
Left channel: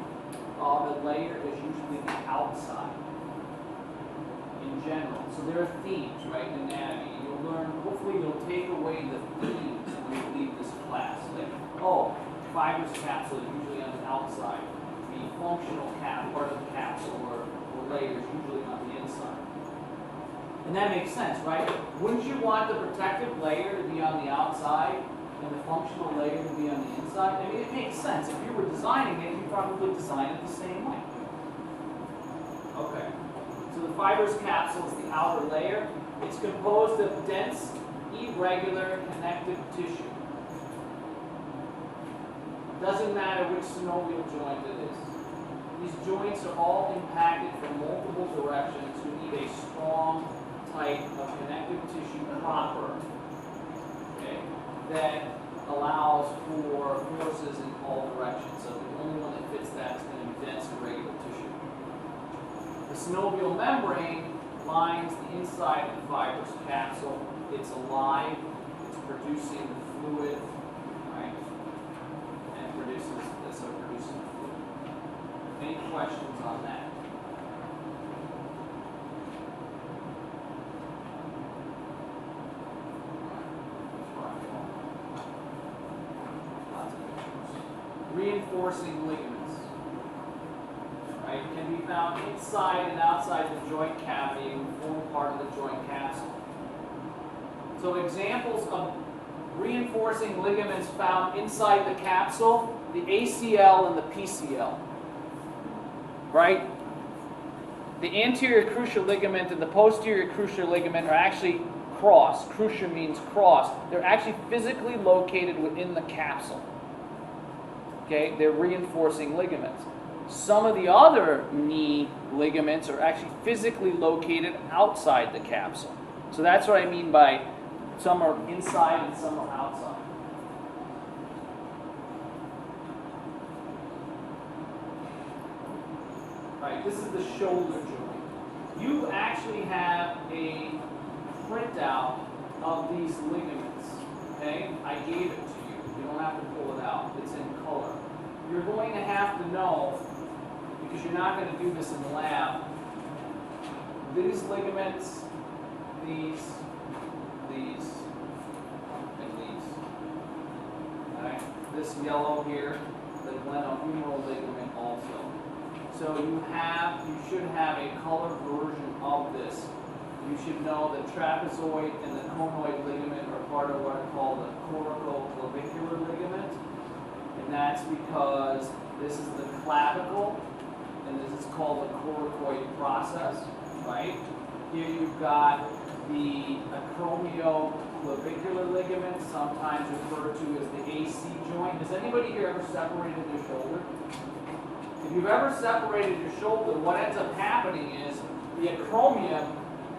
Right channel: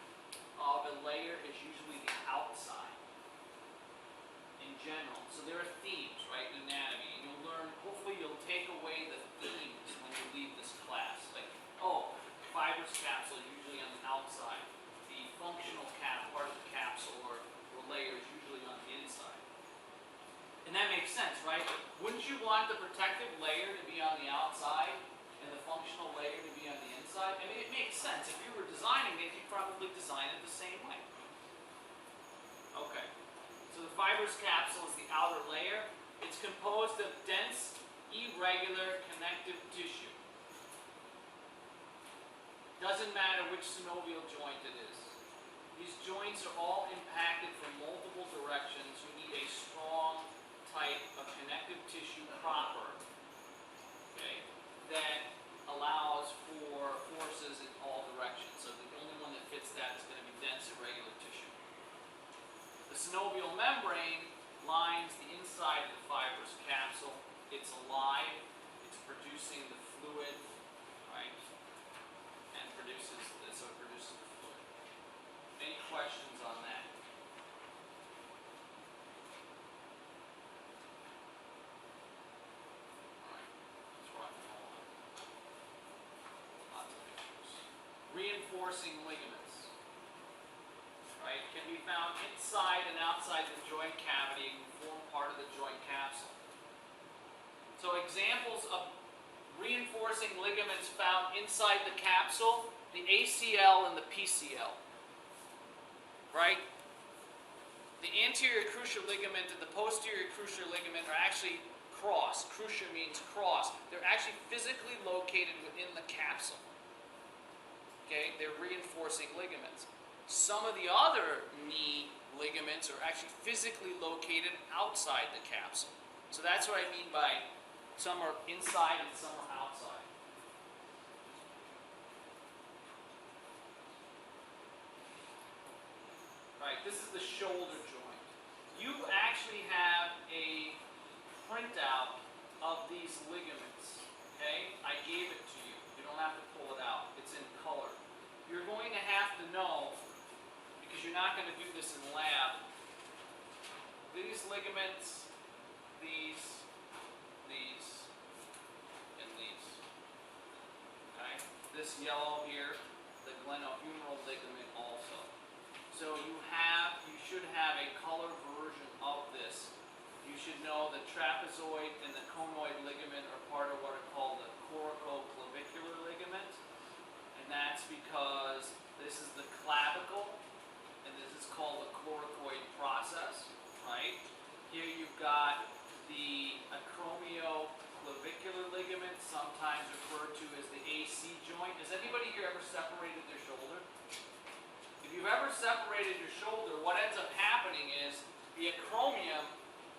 of the layer is usually the outside in general. So there are themes, right, in anatomy. You'll learn, hopefully you'll take away the themes when you leave this class. Like, oh, fibrous capsule is usually on the outside. The functional part of the capsule or layer is usually on the inside. And that makes sense, right? Wouldn't you want the protective layer to be on the outside and the functional layer to be on the inside? I mean, it makes sense. If you were designing it, you'd probably design it the same way. Okay. So the fibrous capsule is the outer layer. It's composed of dense, irregular connective tissue. Doesn't matter which synovial joint it is. These joints are all impacted from multiple directions. You need a strong type of connective tissue proper, okay, that allows for forces in all directions. So the only one that fits that is going to be dense, irregular tissue. The synovial membrane lines the inside of the fibrous capsule. It's alive. It's producing the fluid, right? And produces this, so it produces the fluid. Any questions on that? Reinforcing ligaments, right, can be found inside and outside the joint cavity and form part of the joint capsule. So examples of reinforcing ligaments found inside the capsule, the ACL and the PCL, right? The anterior cruciate ligament and the posterior cruciate ligament are actually crossed. Cruciate means cross. They're actually physically located within the capsule. Okay, they're reinforcing ligaments. Some of the other knee ligaments are actually physically located outside the capsule. So that's what I mean by some are inside and some are outside. Right, this is the shoulder joint. You actually have a printout of these ligaments. Okay, I gave it to you. You don't have to pull it out. It's in color. You're going to have to know, because you're not going to do this in the lab, these ligaments, these, and these. Alright? This yellow here, the glenohumeral ligament also. So you should have a color version of this. You should know the trapezoid and the conoid ligament are part of what I call the corticoclavicular ligament. And that's because this is the clavicle, and this is called the coracoid process, right? Here you've got the acromioclavicular ligament, sometimes referred to as the AC joint. Has anybody here ever separated their shoulder? If you've ever separated your shoulder, what ends up happening is the acromion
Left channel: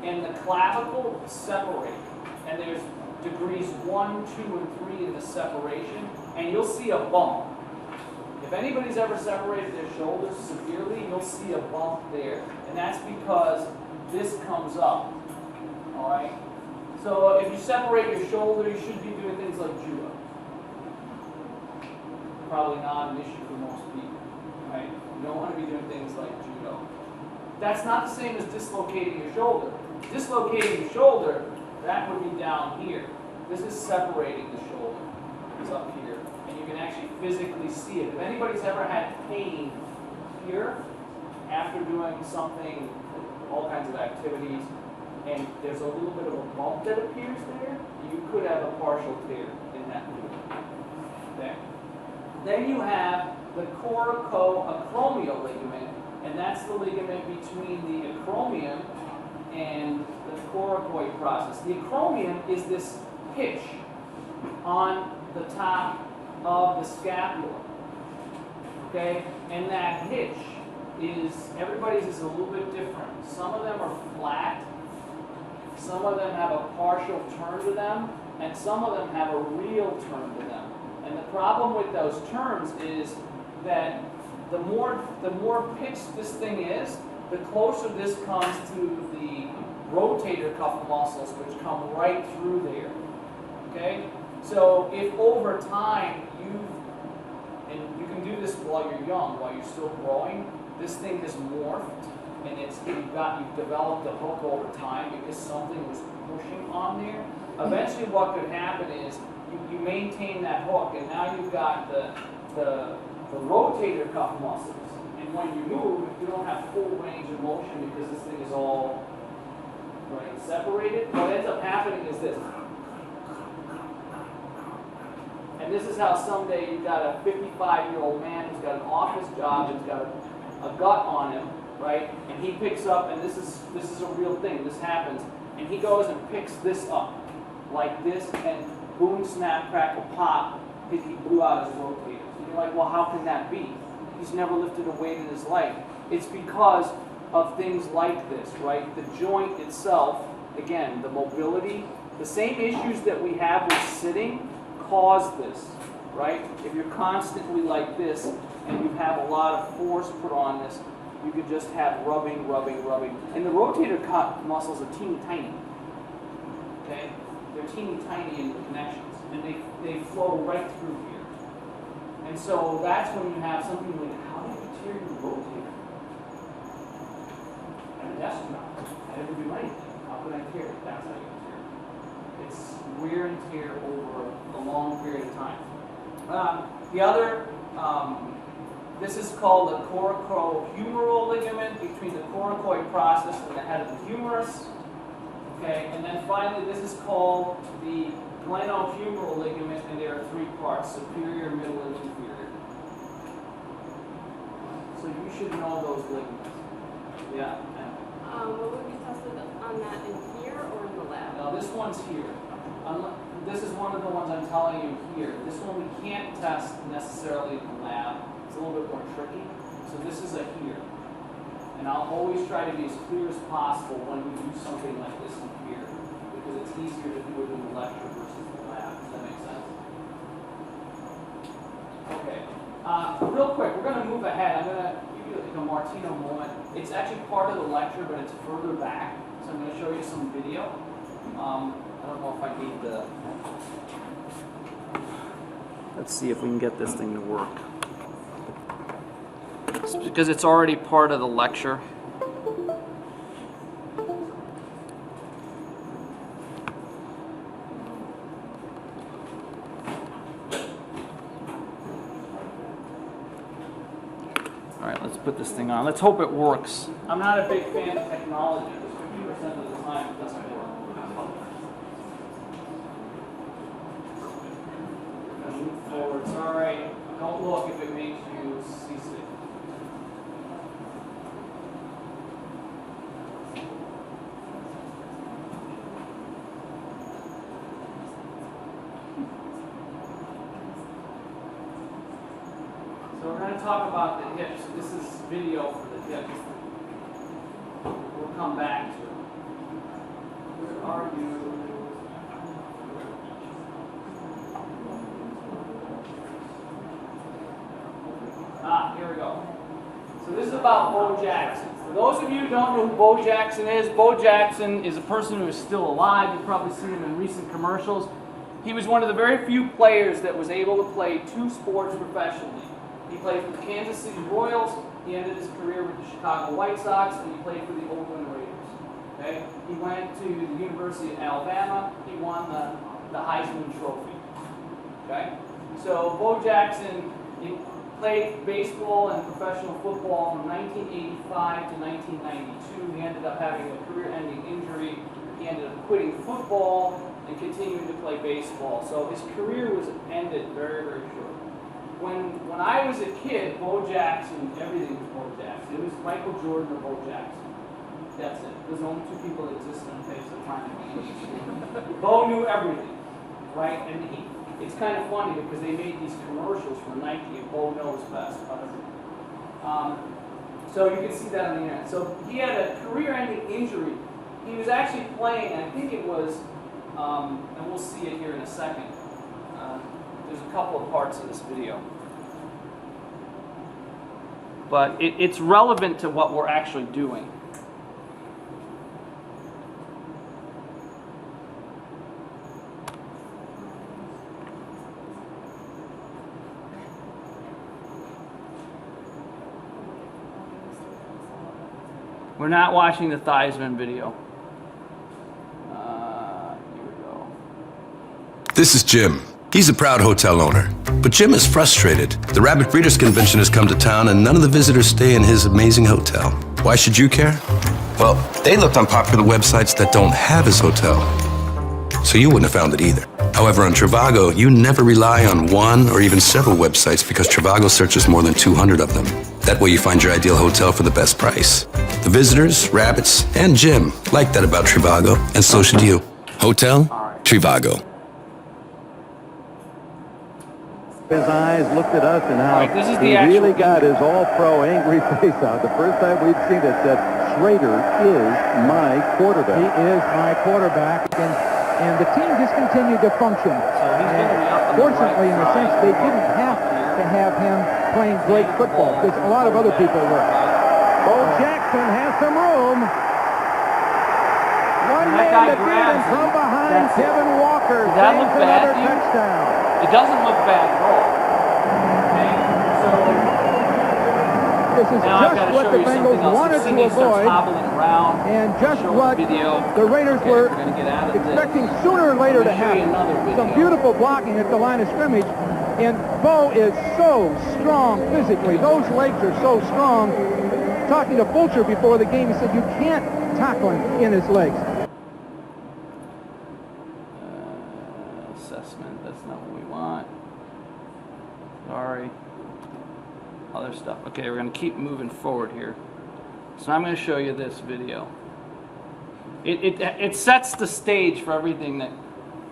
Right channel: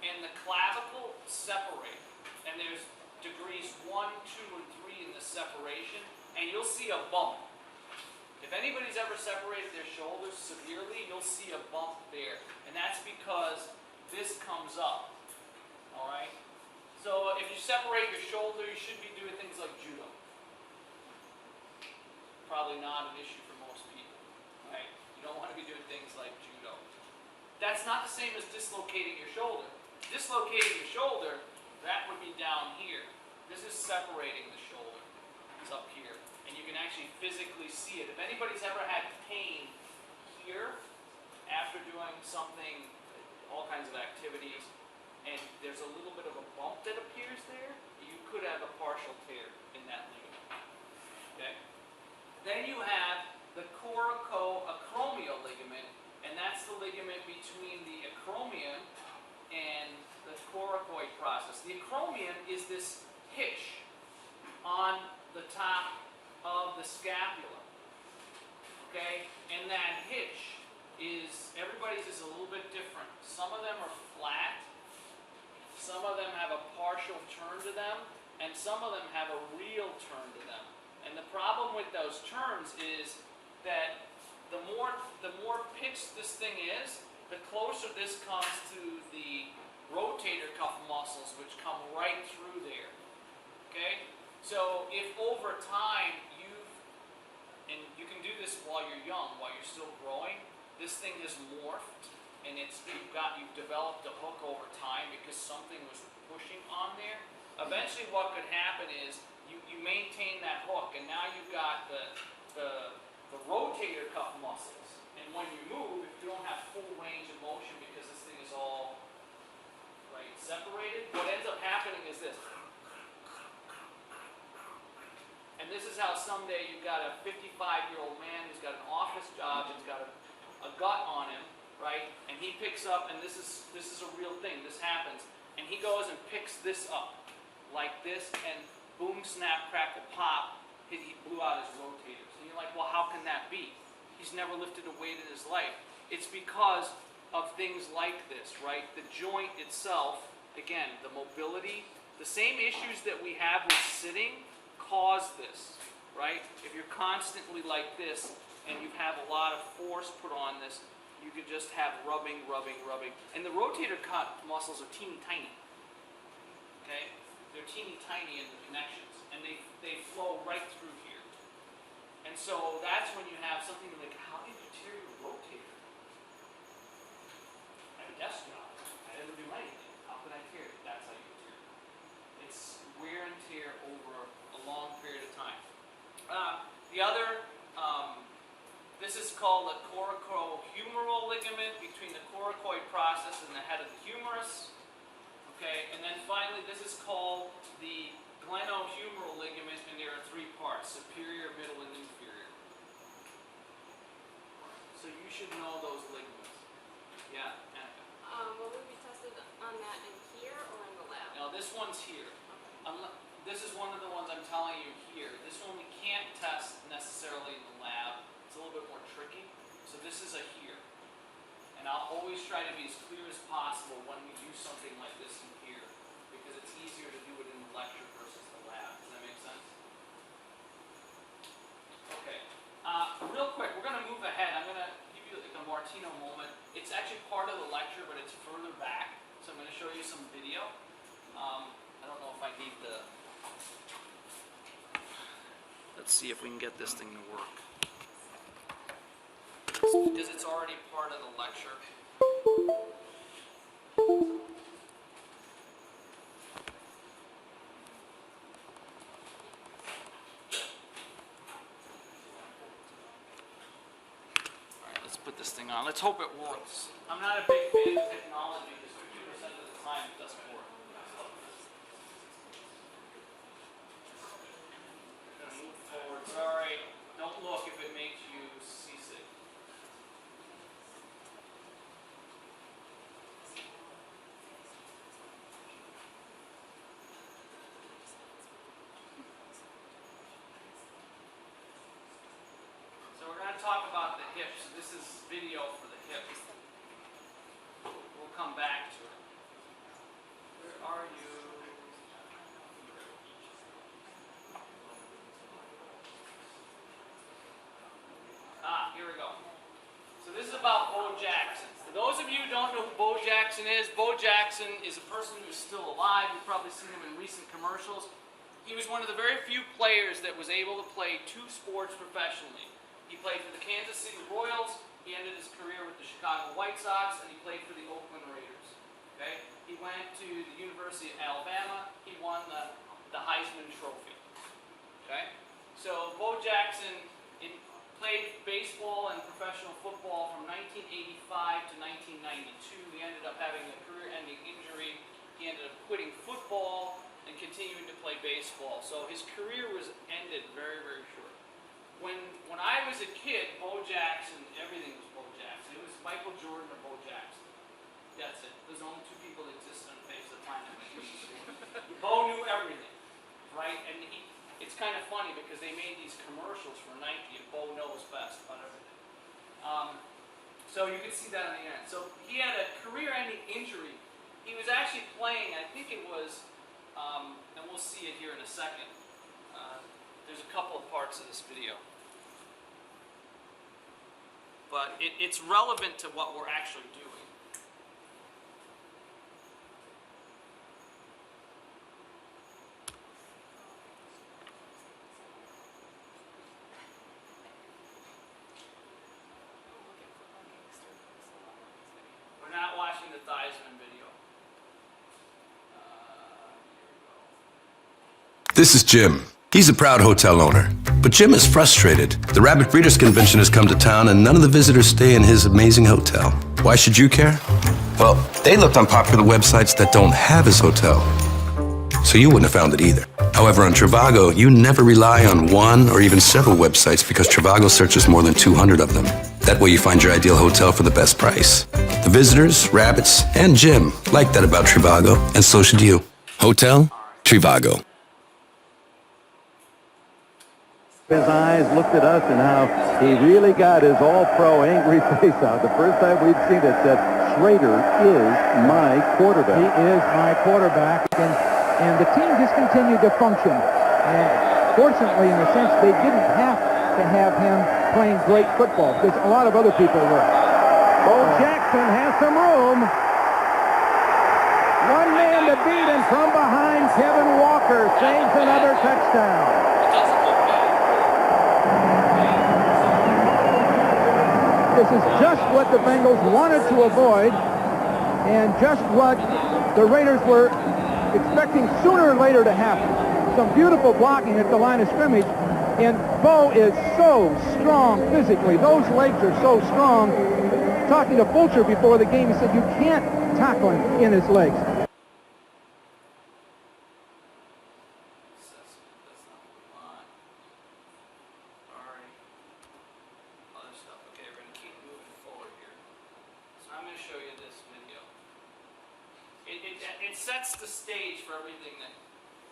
and the clavicle separate. And there's degrees 1, 2, and 3 in the separation, and you'll see a bump. If anybody's ever separated their shoulders severely, you'll see a bump there. And that's because this comes up. Alright? So if you separate your shoulder, you should be doing things like judo. Probably not an issue for most people. Right? You don't want to be doing things like judo. That's not the same as dislocating your shoulder. Dislocating your shoulder, that would be down here. This is separating the shoulder. It's up here. And you can actually physically see it. If anybody's ever had pain here after doing something, all kinds of activities, and there's a little bit of a bump that appears there, you could have a partial tear in that ligament. Okay? Then you have the coracoacromial ligament, and that's the ligament between the acromion and the coracoid process. The acromion is this hitch on the top of the scapula. Okay? And that hitch is, everybody's is a little bit different. Some of them are flat, some of them have a partial turn to them, and some of them have a real turn to them. And the problem with those turns is that the more pitched this thing is, the closer this comes to the rotator cuff muscles, which come right through there. Okay? So if over time and you can do this while you're young, while you're still growing, this thing has morphed, and you've developed a hook over time because something was pushing on there. Eventually what could happen is you maintain that hook, and now you've got the rotator cuff muscles. And when you move, if you don't have full range of motion because this thing is all separated, what ends up happening is this. And this is how someday you've got a 55-year-old man who's got an office job, who's got a gut on him, right? And he picks up, and this is a real thing, this happens, and he goes and picks this up, like this, and boom, snap, crackle, pop, he blew out his rotators. And you're like, well, how can that be? He's never lifted a weight in his life. It's because of things like this, right? The joint itself, again, the mobility, the same issues that we have with sitting cause this, right? If you're constantly like this and you have a lot of force put on this, you could just have rubbing. And the rotator cuff muscles are teeny tiny, okay? They're teeny tiny in the connections, and they flow right through here. And so that's when you have something like, how did you tear your rotator? And yes, no, I didn't do anything. How can I tear it? That's how you tear it. It's wear and tear over a long period of time. The other, this is called the coracohumeral ligament between the coracoid process and the head of the humerus. Okay, and then finally this is called the glenohumeral ligament, and there are three parts: superior, middle, and inferior. So you should know those ligaments. Yeah. Will we be tested on that in here or in the lab? Now this one's here. This is one of the ones I'm telling you here. This one we can't test necessarily in the lab. It's a little bit more tricky. So this is a here. And I'll always try to be as clear as possible when we do something like this in here, because it's easier to do it in the lecture versus the lab. Does that make sense? Okay. Real quick, we're going to move ahead. I'm going to give you like a Martino moment. It's actually part of the lecture, but it's further back. So I'm going to show you some video. I don't know if I need the... Let's see if we can get this thing to work. It's because it's already part of the lecture. Let's put this thing on. Let's hope it works. I'm not a big fan of technology because 50% of the time it doesn't work. Move forward. It's all right. Don't look if it makes you seasick. So we're going to talk about the hips. This is video for the hips. We'll come back to it. Where are you? Here we go. So this is about Bo Jackson. For those of you who don't know who Bo Jackson is a person who is still alive. You've probably seen him in recent commercials. He was one of the very few players that was able to play two sports professionally. He played for the Kansas City Royals, he ended his career with the Chicago White Sox, and he played for the Oakland Raiders. Okay? He went to the University of Alabama, he won the Heisman Trophy. Okay? So Bo Jackson played baseball and professional football from 1985 to 1992. He ended up having a career-ending injury. He ended up quitting football and continuing to play baseball. So his career was ended very, very short. When I was a kid, Bo Jackson, everything was Bo Jackson. It was Michael Jordan or Bo Jackson. That's it. Those are the only two people that existed on the face of the planet. Bo knew everything, right? And it's kind of funny because they made these commercials for Nike and Bo knows best about everything. So you can see that on the internet. So he had a career-ending injury. He was actually playing, I think it was, and we'll see it here in a second. There's a couple of parts of this video. But it's relevant to what we're actually doing. We're not watching the Theismann video. Here we go. This is Jim. He's a proud hotel owner. But Jim is frustrated. The Rabbit Breeders Convention has come to town and none of the visitors stay in his amazing hotel. Why should you care? Well, they looked on popular websites that don't have his hotel. So you wouldn't have found it either. However, on Trivago, you never rely on one or even several websites because Trivago searches more than 200 of them. That way you find your ideal hotel for the best price. The visitors, rabbits, and Jim like that about Trivago, and so should you. Hotel Trivago. His eyes looked at us and how he really got his all-pro angry face out. The first time we'd seen it said, Schrader is my quarterback. He is my quarterback. And the team just continued to function. And fortunately, in a sense, they didn't have to have him playing great football because a lot of other people were. Bo Jackson has some room. One man to beat, and from behind, Kevin Walker saves another touchdown. It doesn't look bad. This is just what the Bengals wanted to avoid and just what the Raiders were expecting sooner or later to happen. Some beautiful blocking at the line of scrimmage, and Bo is so strong physically. Those legs are so strong. Talking to Fulcher before the game, he said you can't tackle him in his legs. Assessment, that's not what we want. Sorry. Other stuff. Okay, we're going to keep moving forward here. So I'm going to show you this video. It sets the stage for everything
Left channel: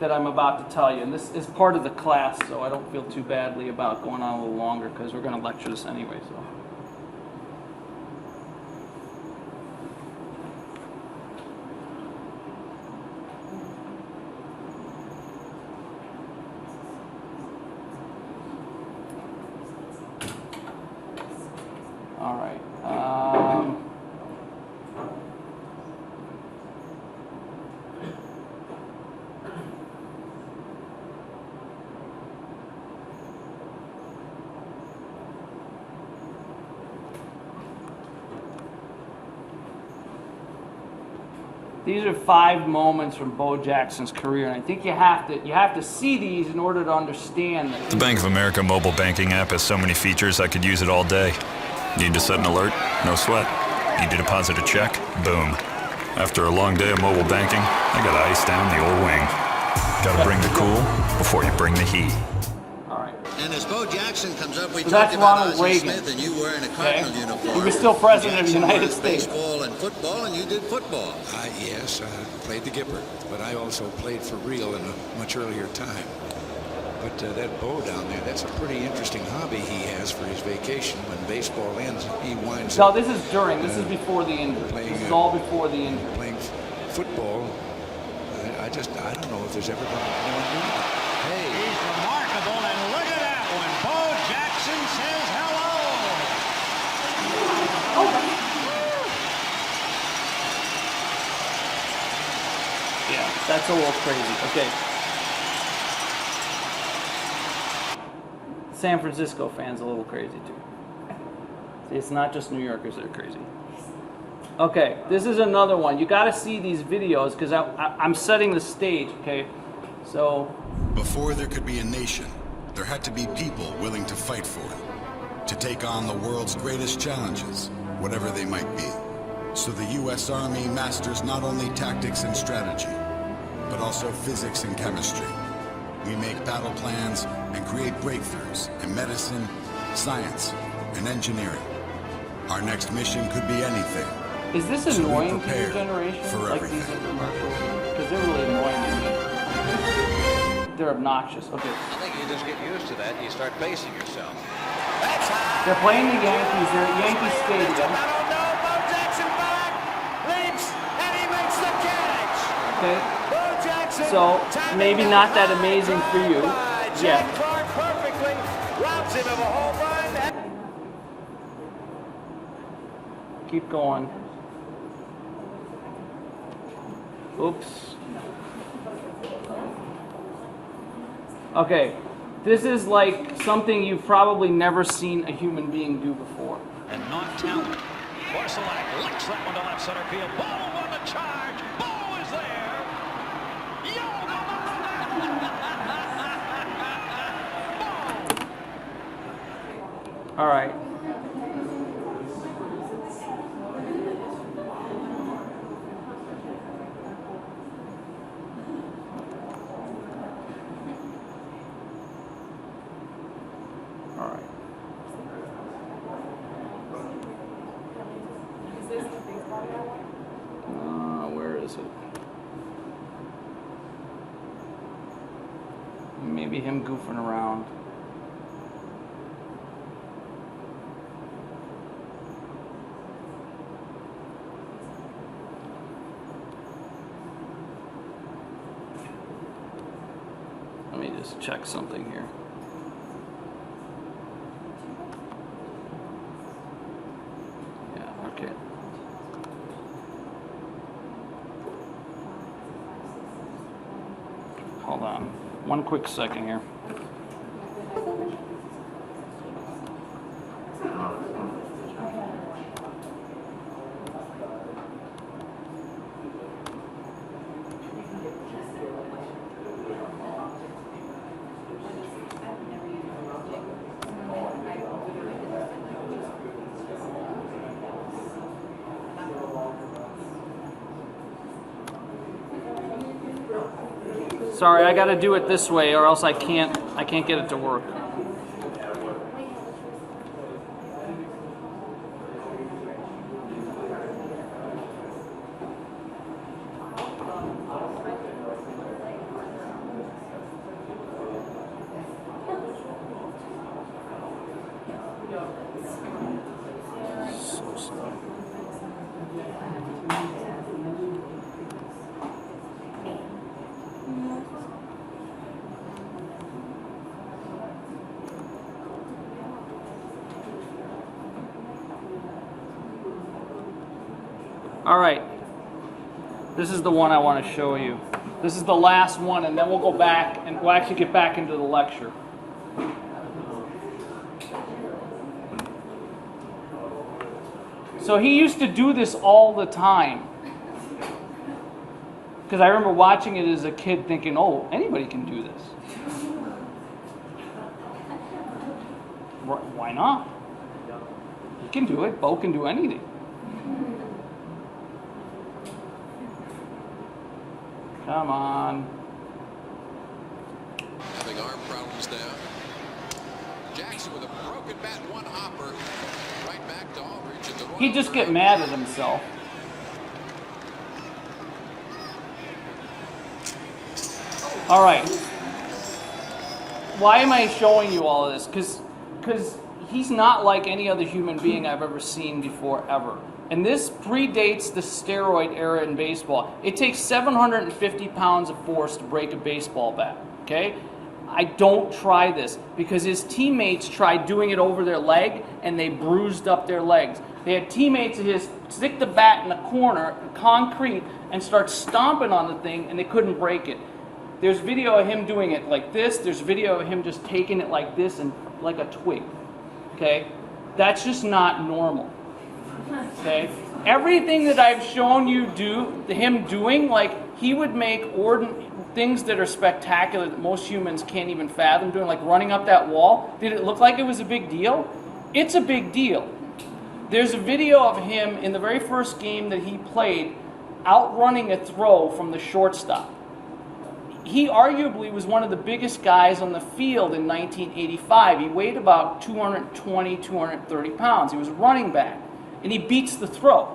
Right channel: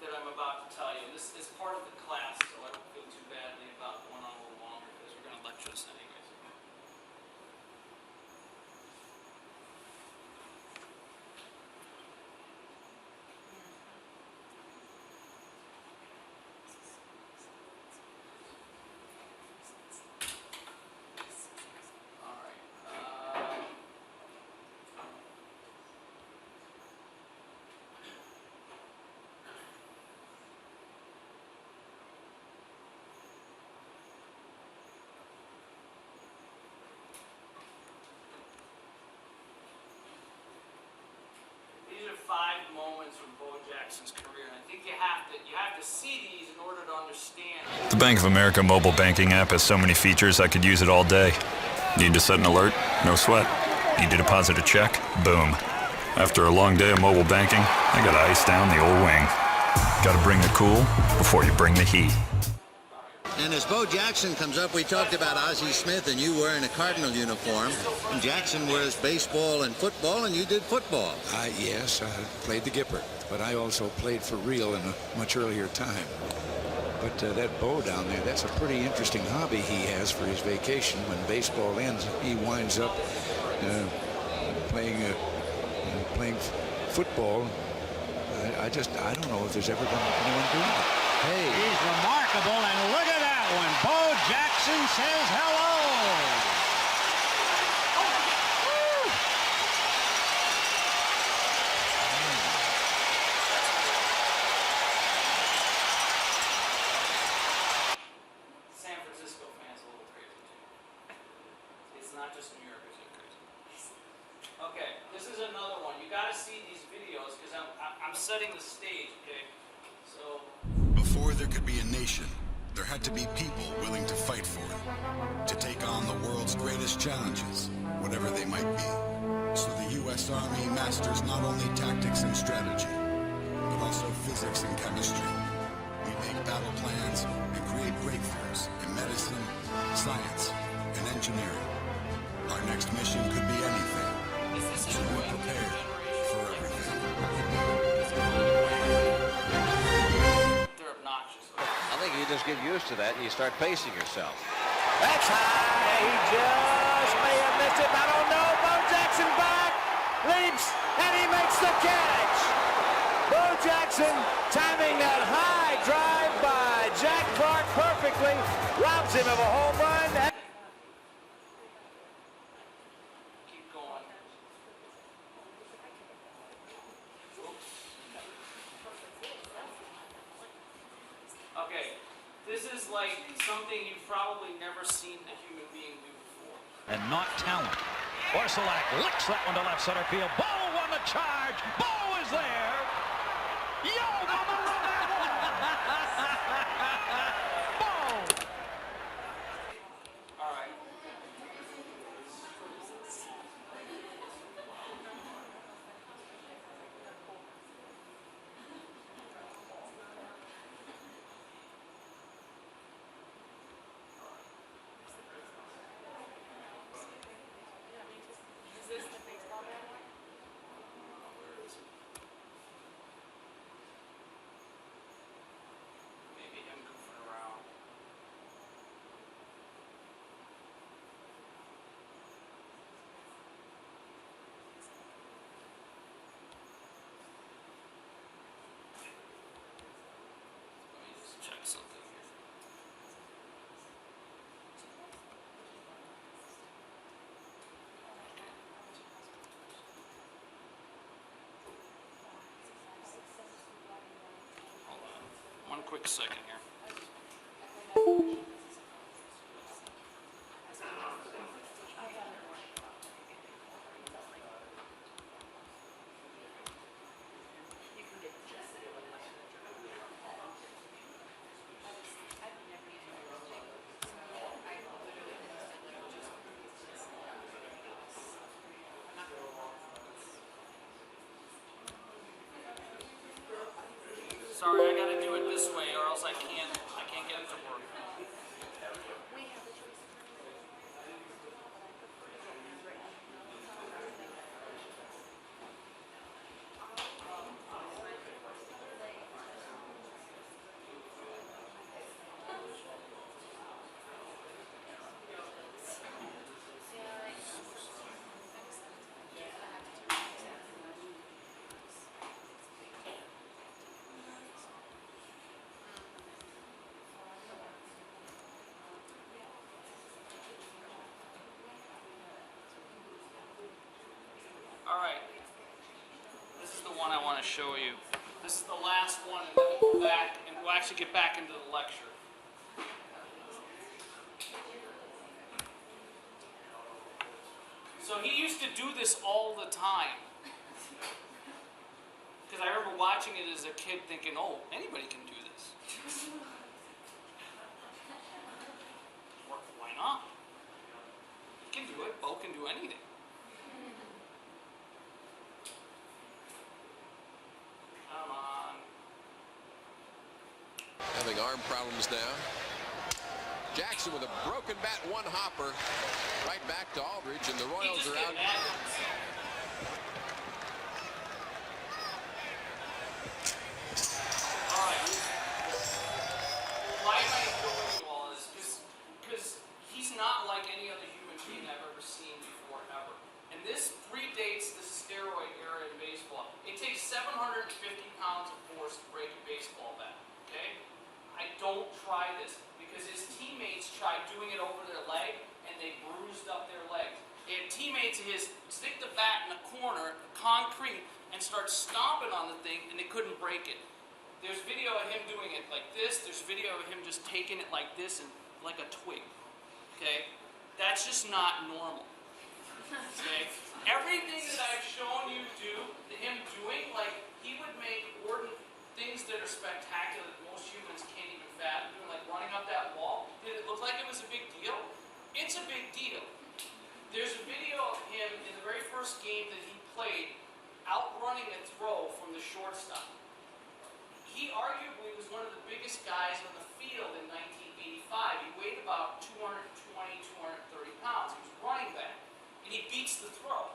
that I'm about to tell you. And this is part of the class, so I don't feel too badly about going on a little longer because we're going to lecture this anyway. So. All right. These are 5 moments from Bo Jackson's career, and I think you have to see these in order to understand it. The Bank of America mobile banking app has so many features I could use it all day. Need to set an alert? No sweat. Need to deposit a check? Boom. After a long day of mobile banking, I gotta ice down the old wing. Gotta bring the cool before you bring the heat. And as Bo Jackson comes up, we So talked that's about Ronald Ozzie Reagan. Smith and you wearing a Cardinal uniform. He was still president of the Jackson United was States. baseball and football, and you did football. Yes, I played the Gipper, but I also played for real in a much earlier time. But that Bo down there, that's a pretty interesting hobby he has for his vacation. When baseball ends, he winds No, up this is during. This is before the injury. playing, This is all before the injury. playing football. I don't know if there's ever been anyone doing it. Hey, he's remarkable, and look at that one. Bo Jackson says hello. Yeah, that's a little crazy. Okay. San Francisco fans a little crazy too. See, it's not just New Yorkers that are crazy. Okay, this is another one. You got to see these videos because I'm setting the stage. Okay, so before there could be a nation, there had to be people willing to fight for it, to take on the world's greatest challenges, whatever they might be. So the U.S. Army masters not only tactics and strategy, but also physics and chemistry. We make battle plans and create breakthroughs in medicine, science, and engineering. Our next mission could be anything. is this So we annoying to your prepare generation? for Like everything. because they're really annoying to me. They're obnoxious. Okay. I think you just get used to that and you start pacing yourself. That's high. They're playing the Yankees. They're at Yankee Stadium. I don't know. Bo Jackson back. Leaps. And he makes the catch. Okay. Bo Jackson. So, timing maybe not that high amazing for drive you. By Jack Yeah. Clark perfectly. Robs him of a home run. Keep going. Oops. Okay. This is like something you've probably never seen a human being do before. And not talent. Orsolak licks that one to left center field. Bo on the charge. Bo is there. Yo, mama, Bo. All right. All right. Where is it? Maybe him goofing around. Let me just check something here. Yeah, okay. Hold on. One quick second here. Sorry, I got to do it this way, or else I can't get it to work. All right, this is the one I want to show you. This is the last one, and then we'll go back, and we'll actually get back into the lecture. So he used to do this all the time. Because I remember watching it as a kid thinking, oh, anybody can do this. Why not? He can do it. Bo can do anything. Come on. Having arm problems now. Jackson with a broken bat, one hopper. Right back to Aldridge. And the Royals He'd just are get out. mad at himself. All right. Why am I showing you all of this? Because he's not like any other human being I've ever seen before, ever. And this predates the steroid era in baseball. It takes 750 pounds of force to break a baseball bat, okay? I don't try this because his teammates tried doing it over their leg and they bruised up their legs. They had teammates of his stick the bat in the corner, concrete, and start stomping on the thing and they couldn't break it. There's video of him doing it like this. There's video of him just taking it like this and like a twig, okay? That's just not normal. Okay, everything that I've shown you him doing, like he would make things that are spectacular that most humans can't even fathom doing, like running up that wall. Did it look like it was a big deal? It's a big deal. There's a video of him in the very first game that he played, outrunning a throw from the shortstop. He arguably was one of the biggest guys on the field in 1985. He weighed about 220, 230 pounds. He was a running back. And he beats the throw.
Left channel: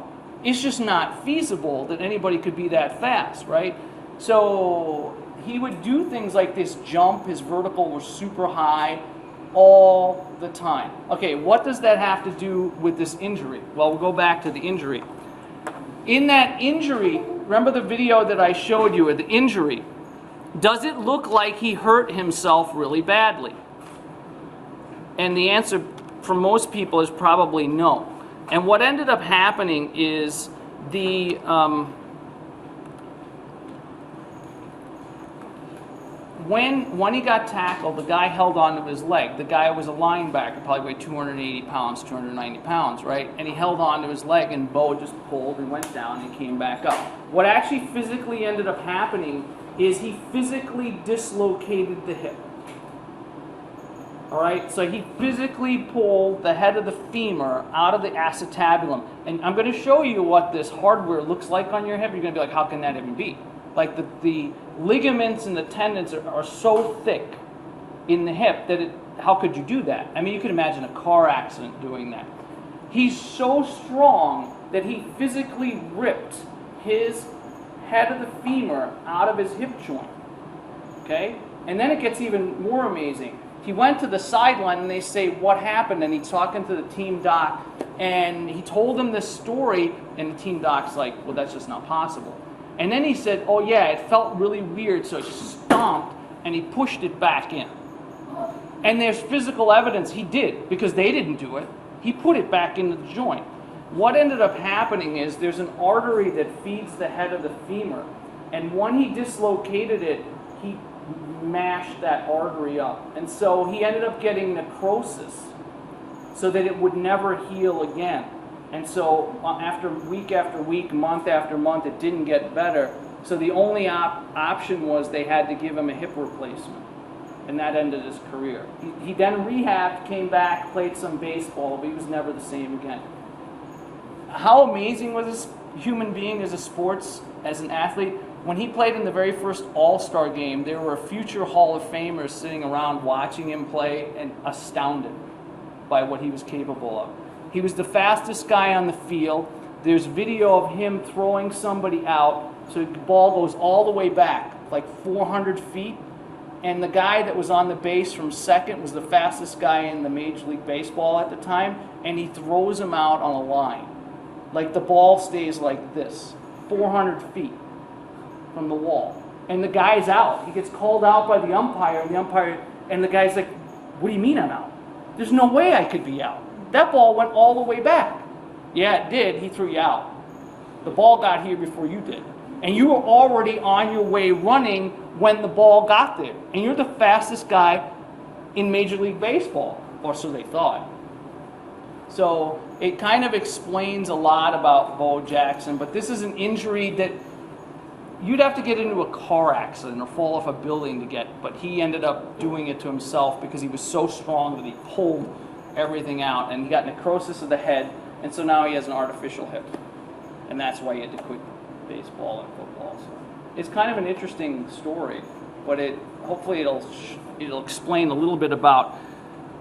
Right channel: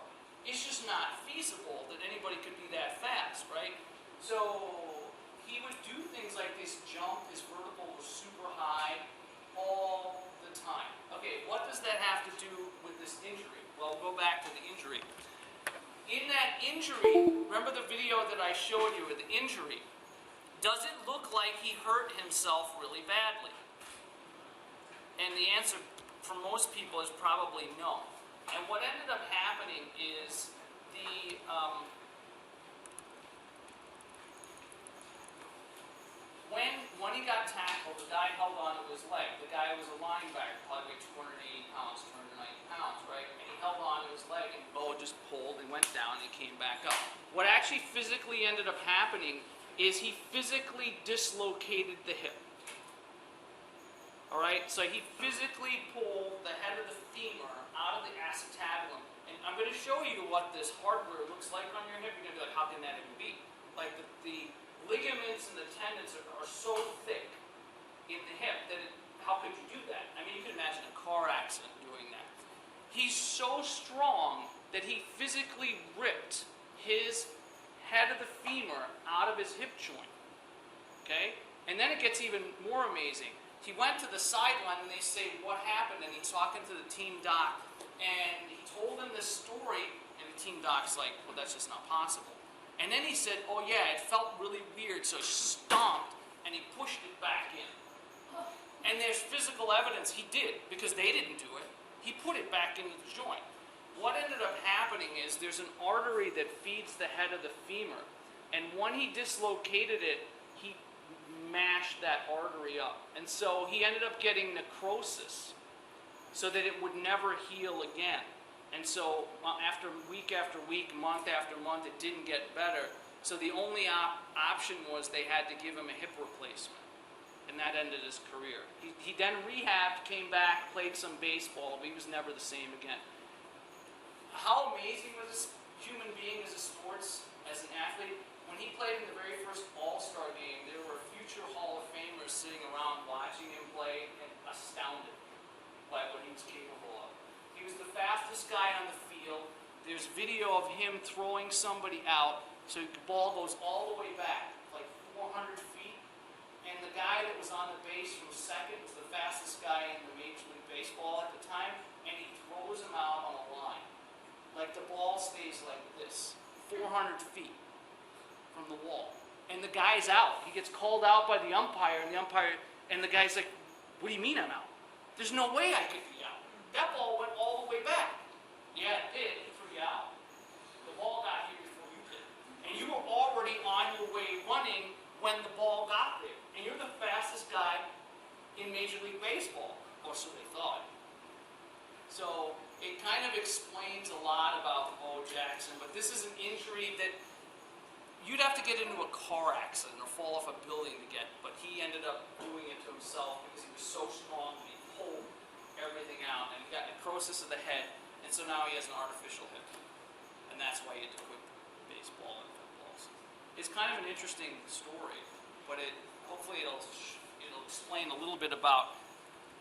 It's just not feasible that anybody could be that fast, right? So he would do things like this jump. His vertical was super high all the time. Okay, what does that have to do with this injury? Well, we'll go back to the injury. In that injury, remember the video that I showed you of the injury? Does it look like he hurt himself really badly? And the answer for most people is probably no. And what ended up happening is when he got tackled, the guy held onto his leg. The guy was a linebacker, probably weighed 280 pounds, 290 pounds, right? And he held onto his leg, and Bo just pulled and went down and came back up. What actually physically ended up happening is he physically dislocated the hip. All right, so he physically pulled the head of the femur out of the acetabulum. And I'm going to show you what this hardware looks like on your hip. You're going to be like, how can that even be? Like the ligaments and the tendons are so thick in the hip that how could you do that? I mean, you could imagine a car accident doing that. He's so strong that he physically ripped his head of the femur out of his hip joint. Okay? And then it gets even more amazing. He went to the sideline and they say, what happened? And he's talking to the team doc and he told them this story and the team doc's like, well, that's just not possible. And then he said, oh yeah, it felt really weird, so he stomped and he pushed it back in. And there's physical evidence he did because they didn't do it. He put it back into the joint. What ended up happening is there's an artery that feeds the head of the femur. And when he dislocated it, he mashed that artery up. And so he ended up getting necrosis so that it would never heal again. And so after week, month after month, it didn't get better. So the only option was they had to give him a hip replacement. And that ended his career. He then rehabbed, came back, played some baseball, but he was never the same again. How amazing was this human being as an athlete? When he played in the very first All-Star game, there were future Hall of Famers sitting around watching him play and astounded by what he was capable of. He was the fastest guy on the field. There's video of him throwing somebody out, so the ball goes all the way back, like 400 feet, and the guy that was on the base from second was the fastest guy in the Major League Baseball at the time, and he throws him out on a line. Like the ball stays like this, 400 feet from the wall. And the guy's out. He gets called out by the umpire, and the guy's like, what do you mean I'm out? There's no way I could be out. That ball went all the way back. Yeah, it did. He threw you out. The ball got here before you did. And you were already on your way running when the ball got there. And you're the fastest guy in Major League Baseball, or so they thought. So it kind of explains a lot about Bo Jackson, but this is an injury that you'd have to get into a car accident or fall off a building to get, but he ended up doing it to himself because he was so strong that he pulled everything out, and he got necrosis of the head, and so now he has an artificial hip, and that's why he had to quit baseball and football. So it's kind of an interesting story, but hopefully it'll explain a little bit about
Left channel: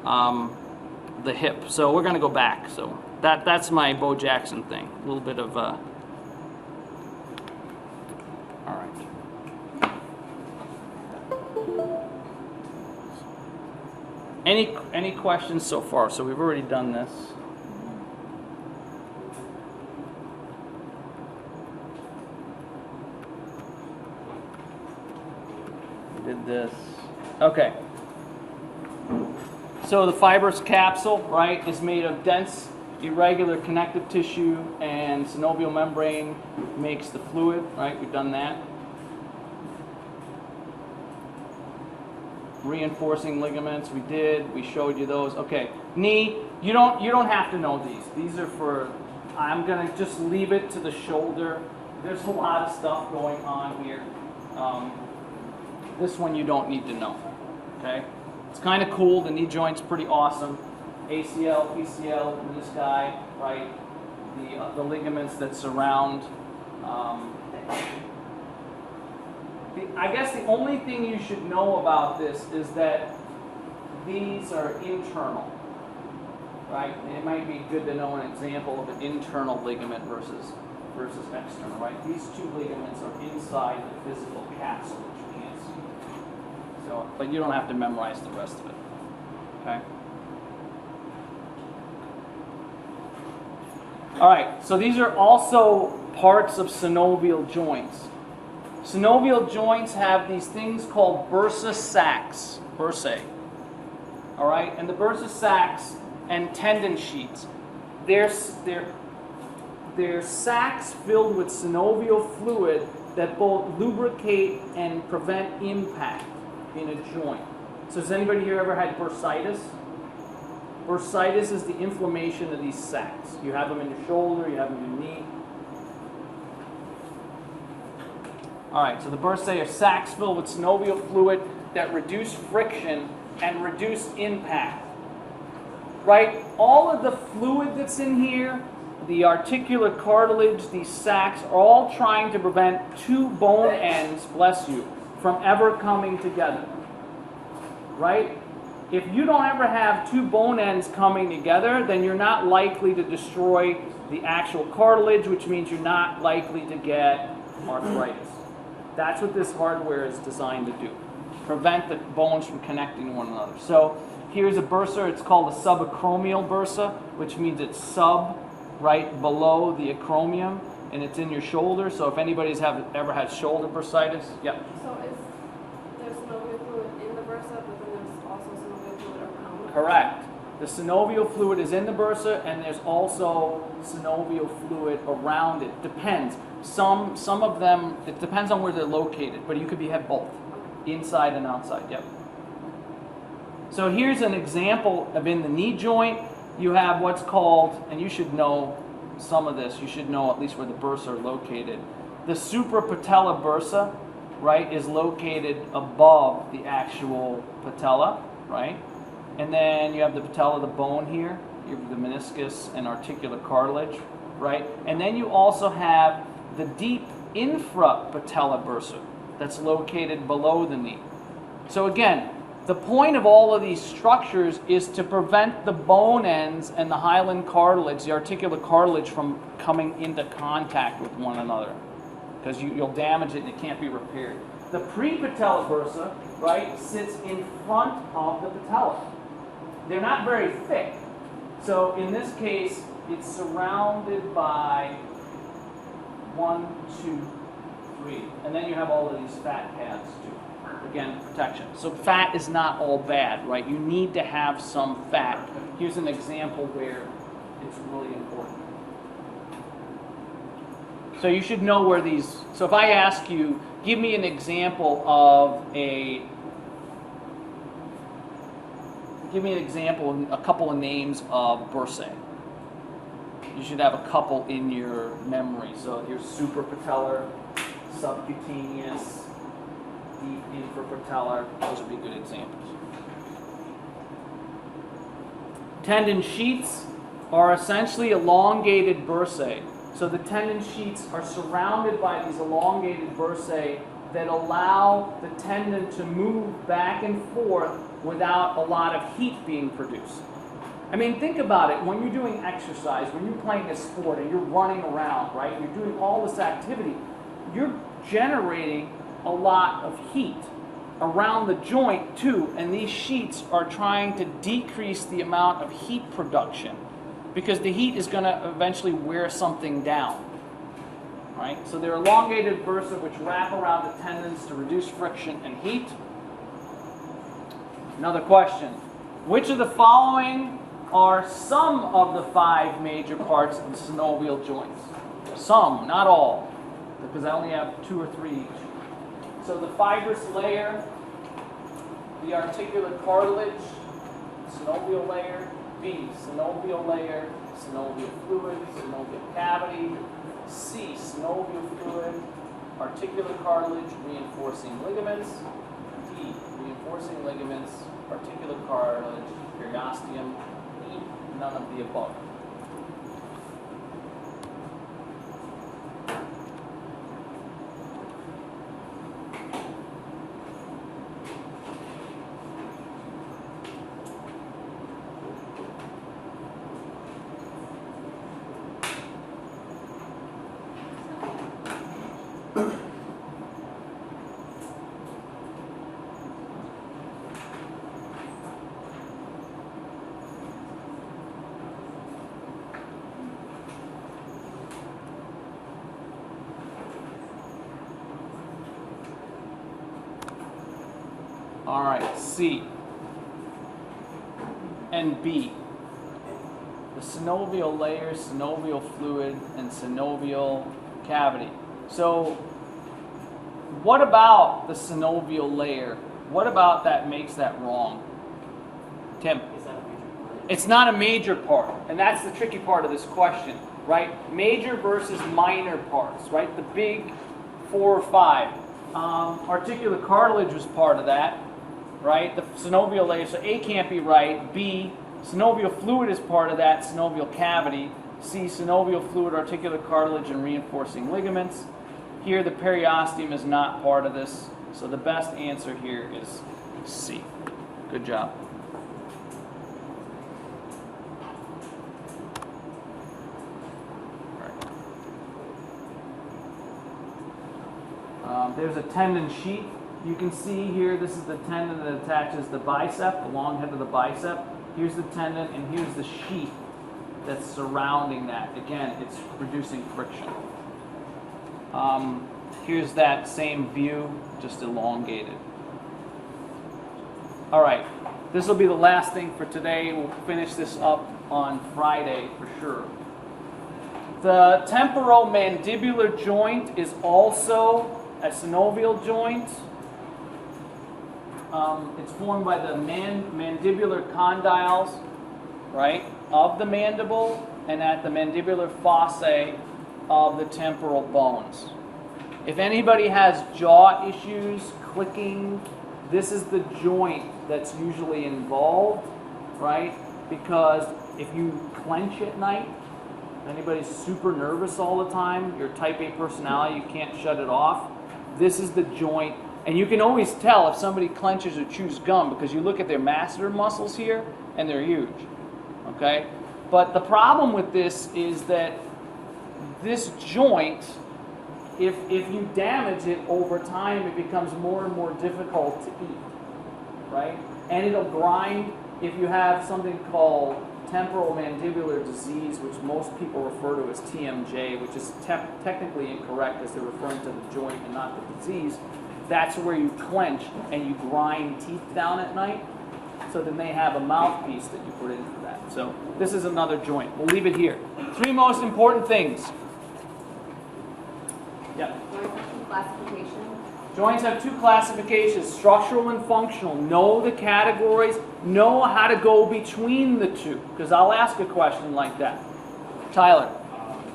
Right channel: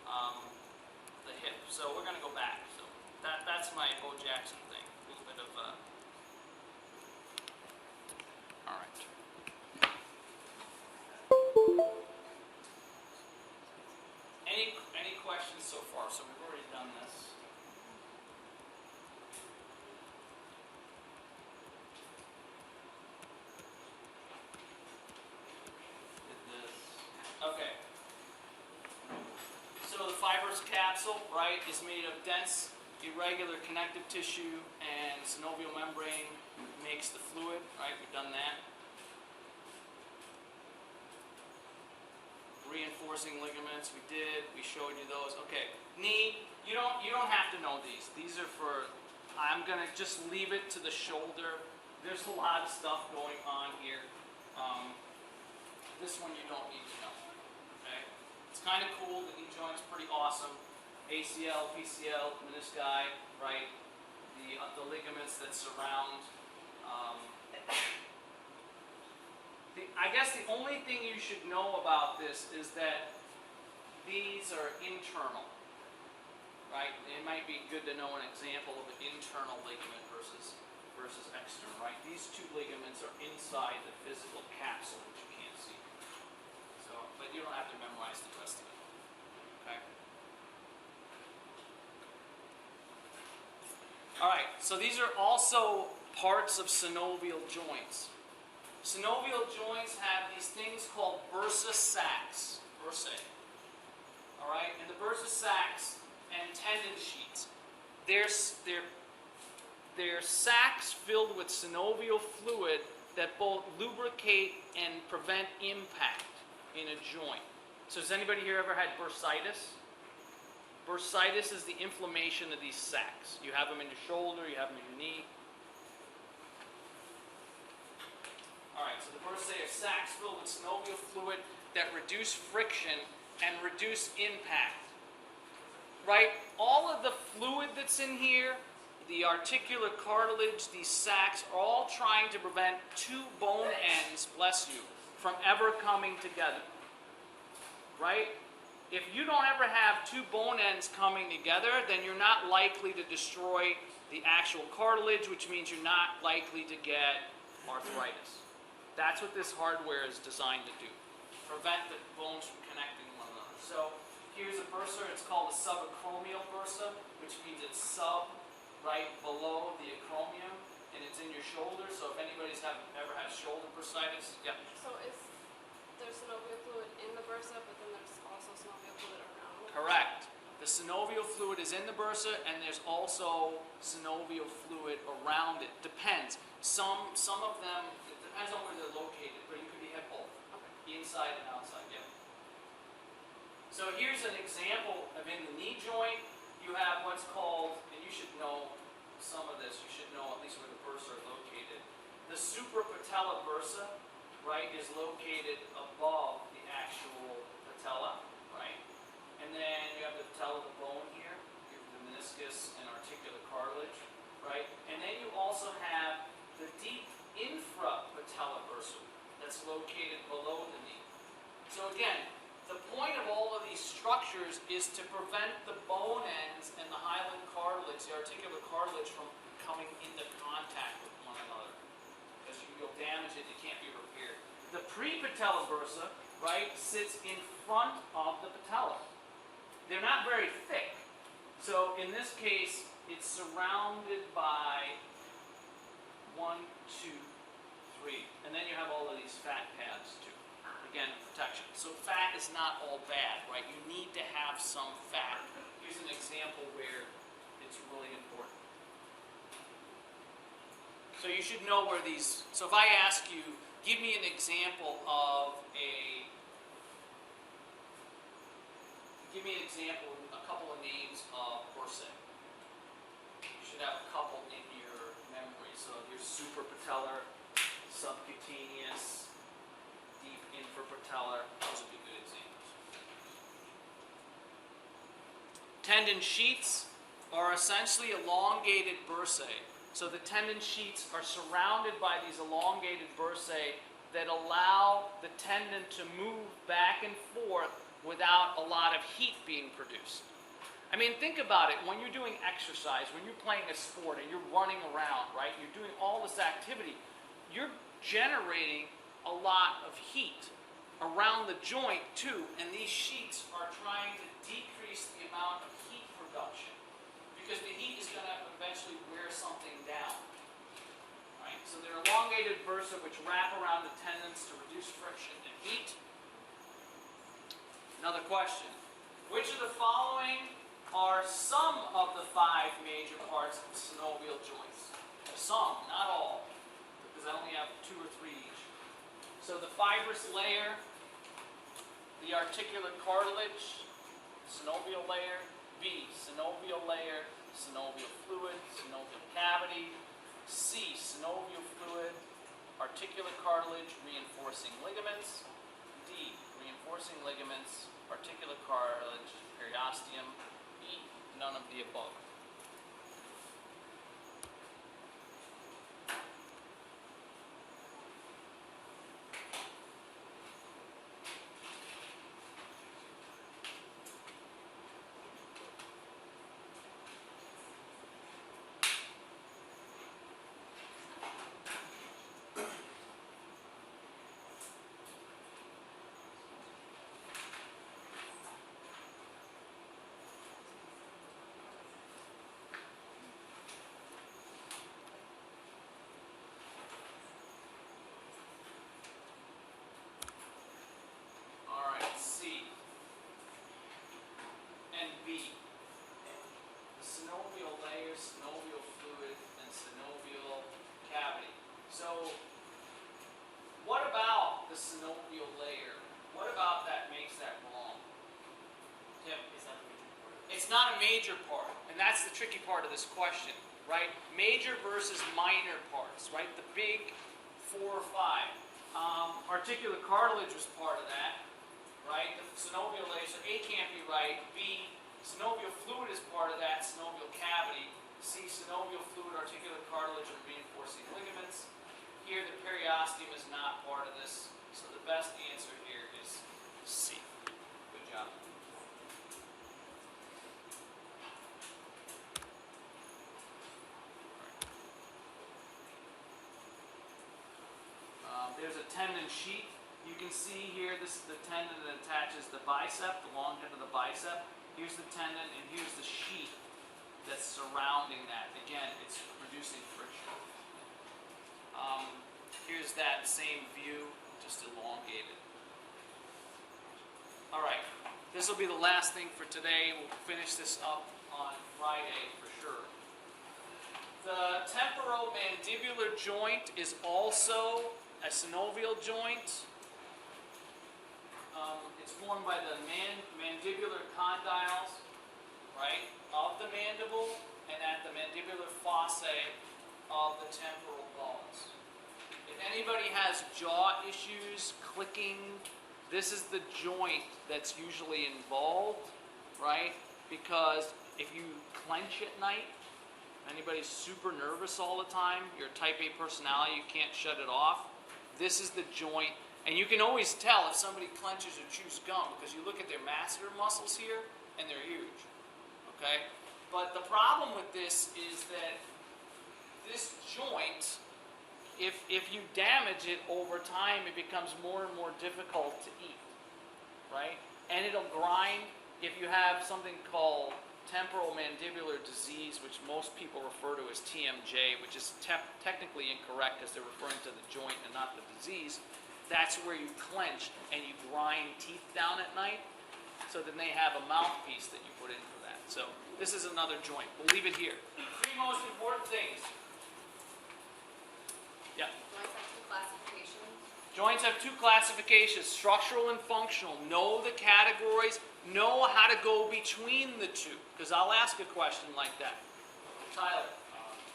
the hip. So we're going to go back. So that's my Bo Jackson thing. A little bit of all right. Any questions so far? So we've already done this. We did this. Okay. So the fibrous capsule, right, is made of dense, irregular connective tissue, and synovial membrane makes the fluid, right? We've done that. Reinforcing ligaments, we did. We showed you those. Okay, knee. You don't have to know these. These are for. I'm gonna just leave it to the shoulder. There's a lot of stuff going on here. This one you don't need to know. Okay, it's kind of cool. The knee joint's pretty awesome. ACL, PCL, menisci, right? The ligaments that surround. I guess the only thing you should know about this is that these are internal, right? It might be good to know an example of an internal ligament versus external, right? These two ligaments are inside the physical capsule, which you can't see. So, but you don't have to memorize the rest of it, okay? All right, so these are also parts of synovial joints. Synovial joints have these things called bursa sacs, bursae. All right, and the bursa sacs and tendon sheets. They're sacs filled with synovial fluid that both lubricate and prevent impact in a joint. So has anybody here ever had bursitis? Bursitis is the inflammation of these sacs. You have them in your shoulder, you have them in your knee. All right, so the bursae are sacs filled with synovial fluid that reduce friction and reduce impact. Right? All of the fluid that's in here, the articular cartilage, these sacs, are all trying to prevent two bone ends, bless you, from ever coming together. Right? If you don't ever have two bone ends coming together, then you're not likely to destroy the actual cartilage, which means you're not likely to get arthritis. That's what this hardware is designed to do. Prevent the bones from connecting to one another. So here's a bursa. It's called a subacromial bursa, which means it's right below the acromion, and it's in your shoulder. So if anybody's ever had shoulder bursitis, yeah. So there's synovial fluid in the bursa, but then there's also synovial fluid around it? Correct. The synovial fluid is in the bursa, and there's also synovial fluid around it. Depends. Some of them, it depends on where they're located, but you could have both, inside and outside. Yep. So here's an example of in the knee joint. You have what's called, and you should know some of this. You should know at least where the bursa are located. The suprapatellar bursa, right, is located above the actual patella, right? And then you have the patella, the bone here. You have the meniscus and articular cartilage, right? And then you also have the deep infrapatellar bursa that's located below the knee. So again, the point of all of these structures is to prevent the bone ends and the hyaline cartilage, the articular cartilage, from coming into contact with one another, because you'll damage it and it can't be repaired. The prepatellar bursa, right, sits in front of the patella. They're not very thick. So in this case, it's surrounded by 1, 2, 3. And then you have all of these fat pads too. Again, protection. So fat is not all bad, right? You need to have some fat. Here's an example where it's really important. So you should know where these, so if I ask you, give me an example of a couple of names of bursae. You should have a couple in your memory. So here's suprapatellar, subcutaneous, deep infrapatellar. Those would be good examples. Tendon sheets are essentially elongated bursae. So the tendon sheets are surrounded by these elongated bursae that allow the tendon to move back and forth without a lot of heat being produced. I mean, think about it. When you're doing exercise, when you're playing a sport and you're running around, right? You're doing all this activity. You're generating a lot of heat around the joint too, and these sheets are trying to decrease the amount of heat production because the heat is going to eventually wear something down, right? So they're elongated bursa which wrap around the tendons to reduce friction and heat. Another question. Which of the following are some of the 5 major parts of the synovial joints? Some, not all, because I only have 2 or 3 each. So the fibrous layer, the articular cartilage, synovial layer, B, synovial layer, synovial fluid, synovial cavity, C, synovial fluid, articular cartilage, reinforcing ligaments, D, reinforcing ligaments, articular cartilage, periosteum, E, none of the above. All right, C and B. The synovial layer, synovial fluid, and synovial cavity. So what about the synovial layer? What about that makes that wrong? Tim? It's not a major part, and that's the tricky part of this question, right? Major versus minor parts, right? The big 4 or 5. Articular cartilage was part of that, right? The synovial layer, so A can't be right. B, synovial fluid is part of that, synovial cavity. C, synovial fluid, articular cartilage, and reinforcing ligaments. Here, the periosteum is not part of this, so the best answer here is C. Good job. There's a tendon sheath. You can see here, this is the tendon that attaches the bicep, the long head of the bicep. Here's the tendon, and here's the sheath that's surrounding that. Again, it's reducing friction. Here's that same view, just elongated. All right, this will be the last thing for today. We'll finish this up on Friday for sure. The temporomandibular joint is also a synovial joint. It's formed by the mandibular condyles, right, of the mandible and at the mandibular fossae of the temporal bones. If anybody has jaw issues, clicking, this is the joint that's usually involved, right? Because if you clench at night, if anybody's super nervous all the time, you're type A personality, you can't shut it off, this is the joint. And you can always tell if somebody clenches or chews gum because you look at their masseter muscles here and they're huge, okay? But the problem with this is that this joint, if you damage it over time, it becomes more and more difficult to eat, right? And it'll grind. If you have something called temporal mandibular disease, which most people refer to as TMJ, which is technically incorrect as they're referring to the joint and not the disease, that's where you clench and you grind teeth down at night. So then they have a mouthpiece that you put in for that. So this is another joint. We'll leave it here. 3 most important things. Yeah. Joints have 2 classifications, structural and functional. Know the categories. Know how to go between the 2. Because I'll ask a question like that. Tyler.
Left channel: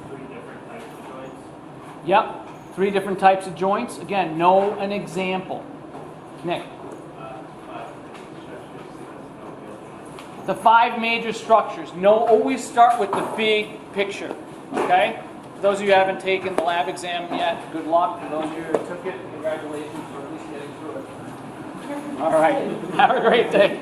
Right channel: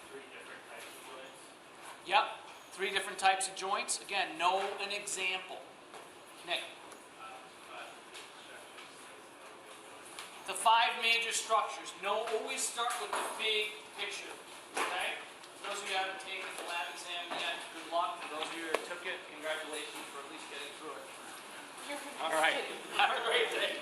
3 different types of joints. Yep. 3 different types of joints. Again, know an example. Nick. The 5 major structures. Always start with the big picture. Okay? For those of you who haven't taken the lab exam yet, good luck. For those of you who took it, congratulations for at least getting through it. All right. Have a great day.